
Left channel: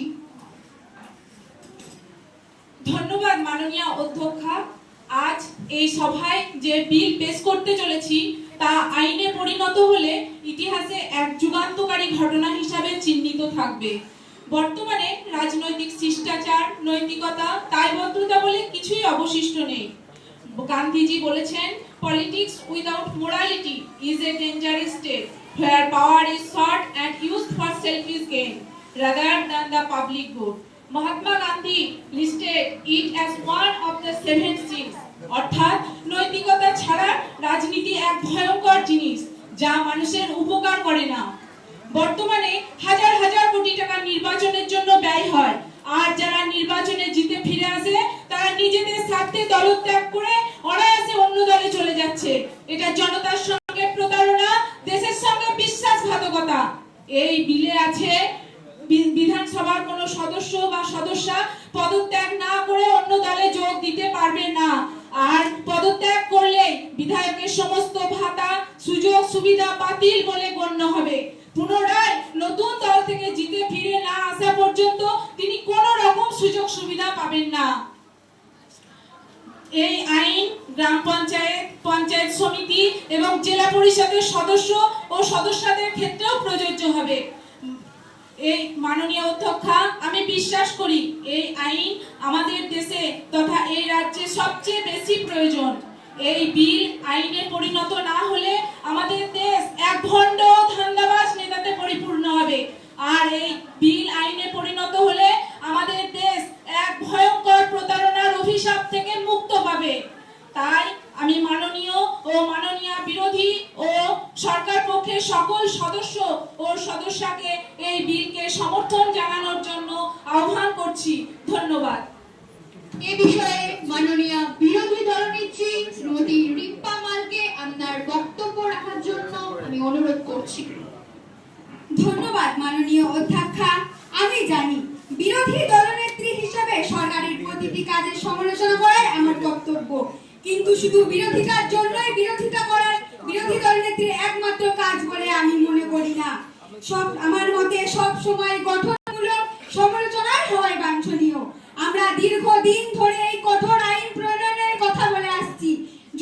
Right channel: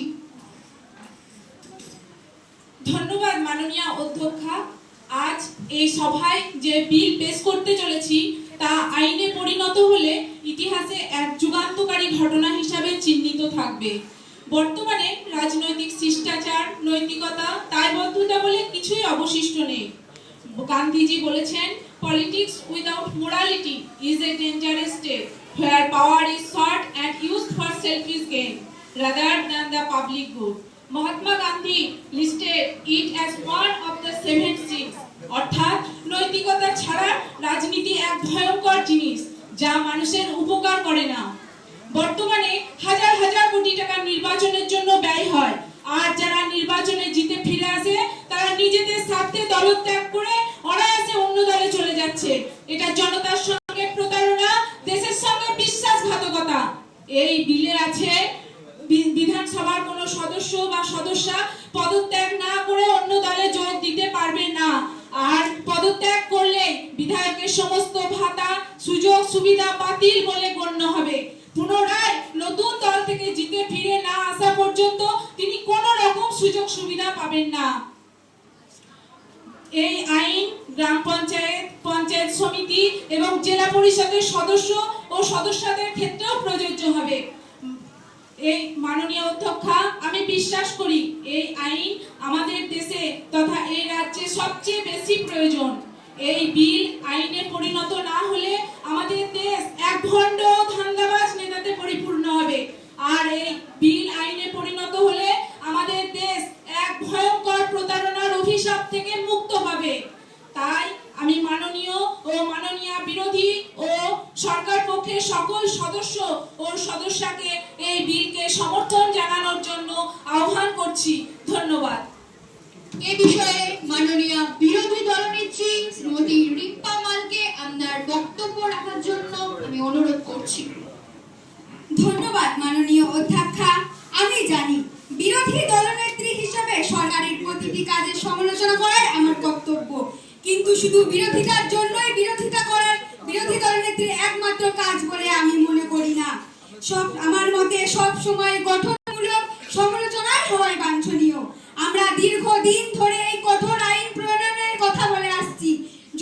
ধন্যবাদ মাননীয় অধ্যক্ষা। আজ এই সভায় যে বিল পেশ করতে চলেছি তা আইনে পরিণত হলে ইতিহাসে এক যুগান্তকারী ঘটনা হিসাবে চিহ্নিত থাকবে। বর্তমানে রাজনৈতিক শিষ্টাচার, নৈতিকতা, দায়বদ্ধতা বলে কিছুই অবশিষ্ট নেই। গান্ধীজি বলেছেন, politics without morality is a dangerous state where power is sought and used for selfish gain rather than the public good. Mahatma Gandhi listed it as one of the 7 sins. অর্থাৎ নৈতিকতা ছাড়া রাজনীতি এক ভয়ঙ্কর জিনিস যা মানুষের উপকার করে না। বর্তমানে হাজার হাজার কোটি টাকা নির্বাচনের জন্য ব্যয় হয়, আর যারা নির্বাচনে জিতে ফিরে আসে তারা নিজেদের স্বার্থে দলত্যাগ করে অনায়াসে অন্য দলে চলে যাচ্ছে। এটা জনতার সঙ্গে প্রতারণা, দেশের সঙ্গে বিশ্বাসঘাতকতা। এই বিলে আছে বিধানসভার কোন সদস্য বা সদস্যা পদত্যাগ না করে অন্য দলে যোগ দিতে পারবে না, আর পদত্যাগ করলে বিধায়কের সমস্ত ভাতা, সুযোগ সুবিধা বাতিল বলে গণ্য হবে। পুনরায় নতুন দল থেকে জিতে ফিরে না আসা পর্যন্ত তিনি কোন রকম সুযোগ সুবিধা পাবেন না। এই আইন গ্রাম পঞ্চায়েত, পঞ্চায়েত সমিতি এবং জেলা পরিষদের সদস্য ও সদস্যদের ক্ষেত্রেও প্রযোজ্য হবে। এই মাননীয় অধ্যক্ষা, আমি বিশ্বাস করি এই আইন আমাদের দেশে তথা এই রাজ্যে সবচেয়ে বেশি প্রয়োজন। এই বিল আইনে পরিণত না হলে আমাদের দেশ এক ভণ্ড ধান্দাবাজ নেতাতে পরিপূর্ণ হবে, আর এই বিল আইনে পরিণত হলে আমাদের দেশ এক ভয়ঙ্কর প্রতারণার অভিশাপ থেকে মুক্ত পাবে। তাই আমি মাননীয় ও মাননীয় বিরোধী ও সরকার পক্ষের সকল সদস্য ও সদস্যকে এই বিলকে সমর্থন জানানোর জন্য আহ্বান করছি। ধন্যবাদ। এ বিষয়ে মাননীয় বিরোধী দলনেত্রী শ্রীমতী রিম্পা মালকে আপনার বক্তব্য রাখার জন্য আমি অনুরোধ করছি। ধন্যবাদ মাননীয় অধ্যক্ষা। আমি জানি বিরোধী দলনেত্রী হিসেবে সরকারের প্রতিটি কাজের সমালোচনা করাই আমার কর্তব্য, কিন্তু শুধু বিরোধিতার জন্যই বিরোধিতা করার বিরোধী দলনেত্রীর একমাত্র কাজ বলে আমি মনে করি না। আমার মতে সব সময় গঠনমূলক সমালোচনাই হওয়াই বাঞ্ছনীয়। আমরা দীর্ঘদিন ধরে এই কঠোর আইন প্রণয়নের কথা বলে আসছি।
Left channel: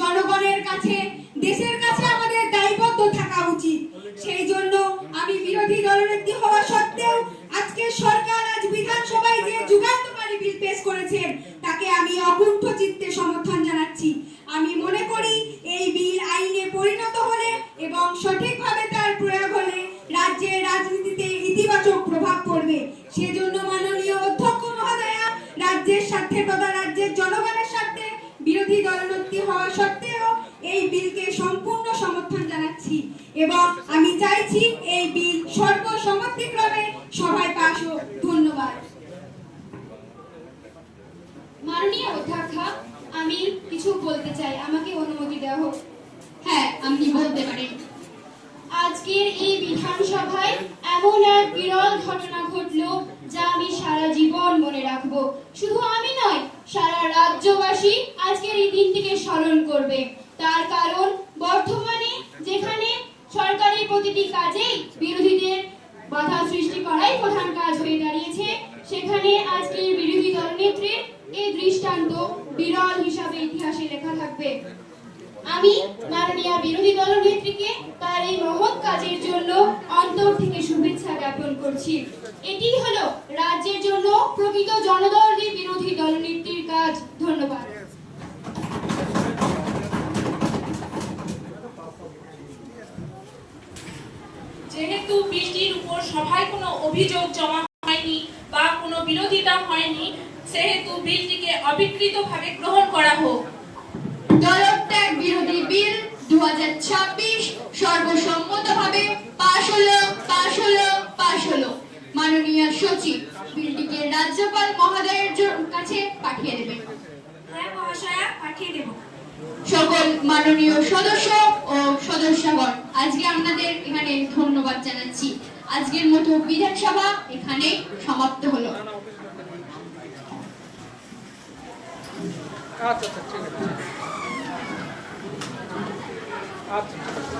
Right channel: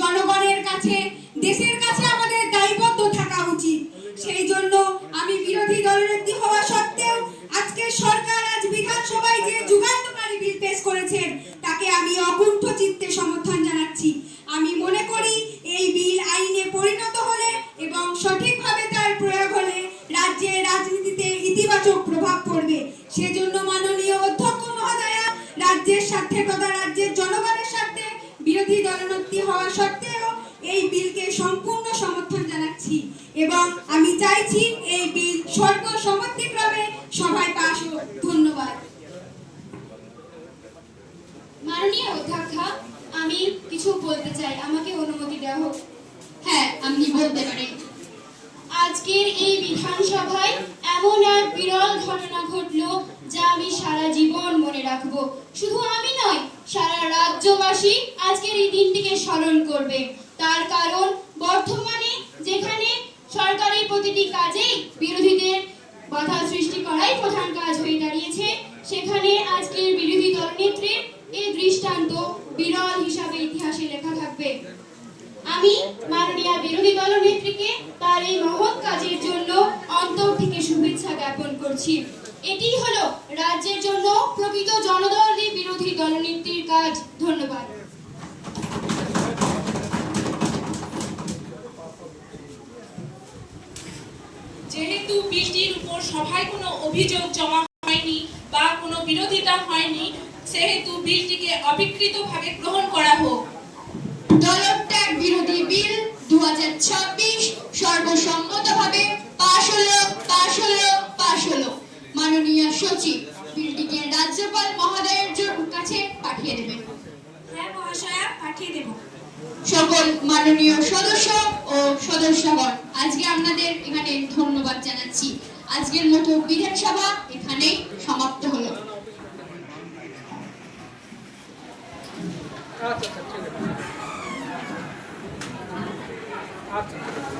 জনগণের কাছে, দেশের কাছে আমাদের দায়বদ্ধ থাকা উচিত। সেই জন্য আমি বিরোধী দলনেত্রী হওয়া সত্ত্বেও আজকে সরকার আজ বিধানসভায় যে যুগান্তকারী বিল পেশ করেছেন তাকে আমি অকুণ্ঠ চিত্তে সমর্থন জানাচ্ছি। আমি মনে করি এই বিল আইনে পরিণত হলে এবং সঠিকভাবে তার প্রয়োগ হলে রাজ্যের রাজনীতিতে ইতিবাচক প্রভাব পড়বে। সেজন্য মাননীয় অধ্যক্ষ মহোদয়া, রাজ্যের স্বার্থে তথা রাজ্যের জনগণের স্বার্থে বিরোধী দলনেত্রী হওয়া সত্ত্বেও এই বিলকে সম্পূর্ণ সমর্থন জানাচ্ছি এবং আমি চাইছি এই বিল সর্বসম্মতিক্রমে সভায় পাশ হোক। ধন্যবাদ। মাননীয় অধ্যক্ষা, আমি কিছু বলতে চাই, আমাকে অনুমতি দেওয়া হোক। হ্যাঁ, আপনি বলতে পারেন। আজকের এই বিধানসভায় এমন এক বিরল ঘটনা ঘটলো যা আমি সারা জীবন মনে রাখবো। শুধু আমি নয়, সারা রাজ্যবাসী আজকের এই দিনটিকে স্মরণ করবে। তার কারণ বর্তমানে যেখানে সরকারের প্রতিটি কাজেই বিরোধীদের বাধা সৃষ্টি করাই প্রধান কাজ হয়ে দাঁড়িয়েছে, সেখানে আজকের বিরোধী দলনেত্রীর এই দৃষ্টান্ত বিরল হিসাবে ইতিহাসে লেখা থাকবে। আমি মাননীয় বিরোধী দলনেত্রীকে তার এই মহৎ কাজের জন্য অন্তর থেকে শুভেচ্ছা জ্ঞাপন করছি। এটি হলো রাজ্যের জন্য প্রকৃত জনদরদী বিরোধী দলনেত্রীর কাজ। ধন্যবাদ। যেহেতু বিলটির উপর সভায় কোনো অভিযোগ জমা হয়নি বা কোনো বিরোধিতা হয়নি, সেহেতু বিলটিকে অবিকৃতভাবে গ্রহণ করা হোক। দলত্যাগ বিরোধী বিল 2026 সর্বসম্মতভাবে পাশ হলো। মাননীয় সচিব বিলটিকে রাজ্যপাল মহোদয়ের কাছে পাঠিয়ে দেবেন। হ্যাঁ মহাশয়া, পাঠিয়ে দেব। সকল মাননীয় সদস্য ও সদস্যগণ, আজকে আপনাদের এখানে ধন্যবাদ জানাচ্ছি। আজকের মতো বিধানসভা এখানে সমাপ্ত হলো। আচ্ছা আচ্ছা ঠিক আছে আচ্ছা ঠিক আছে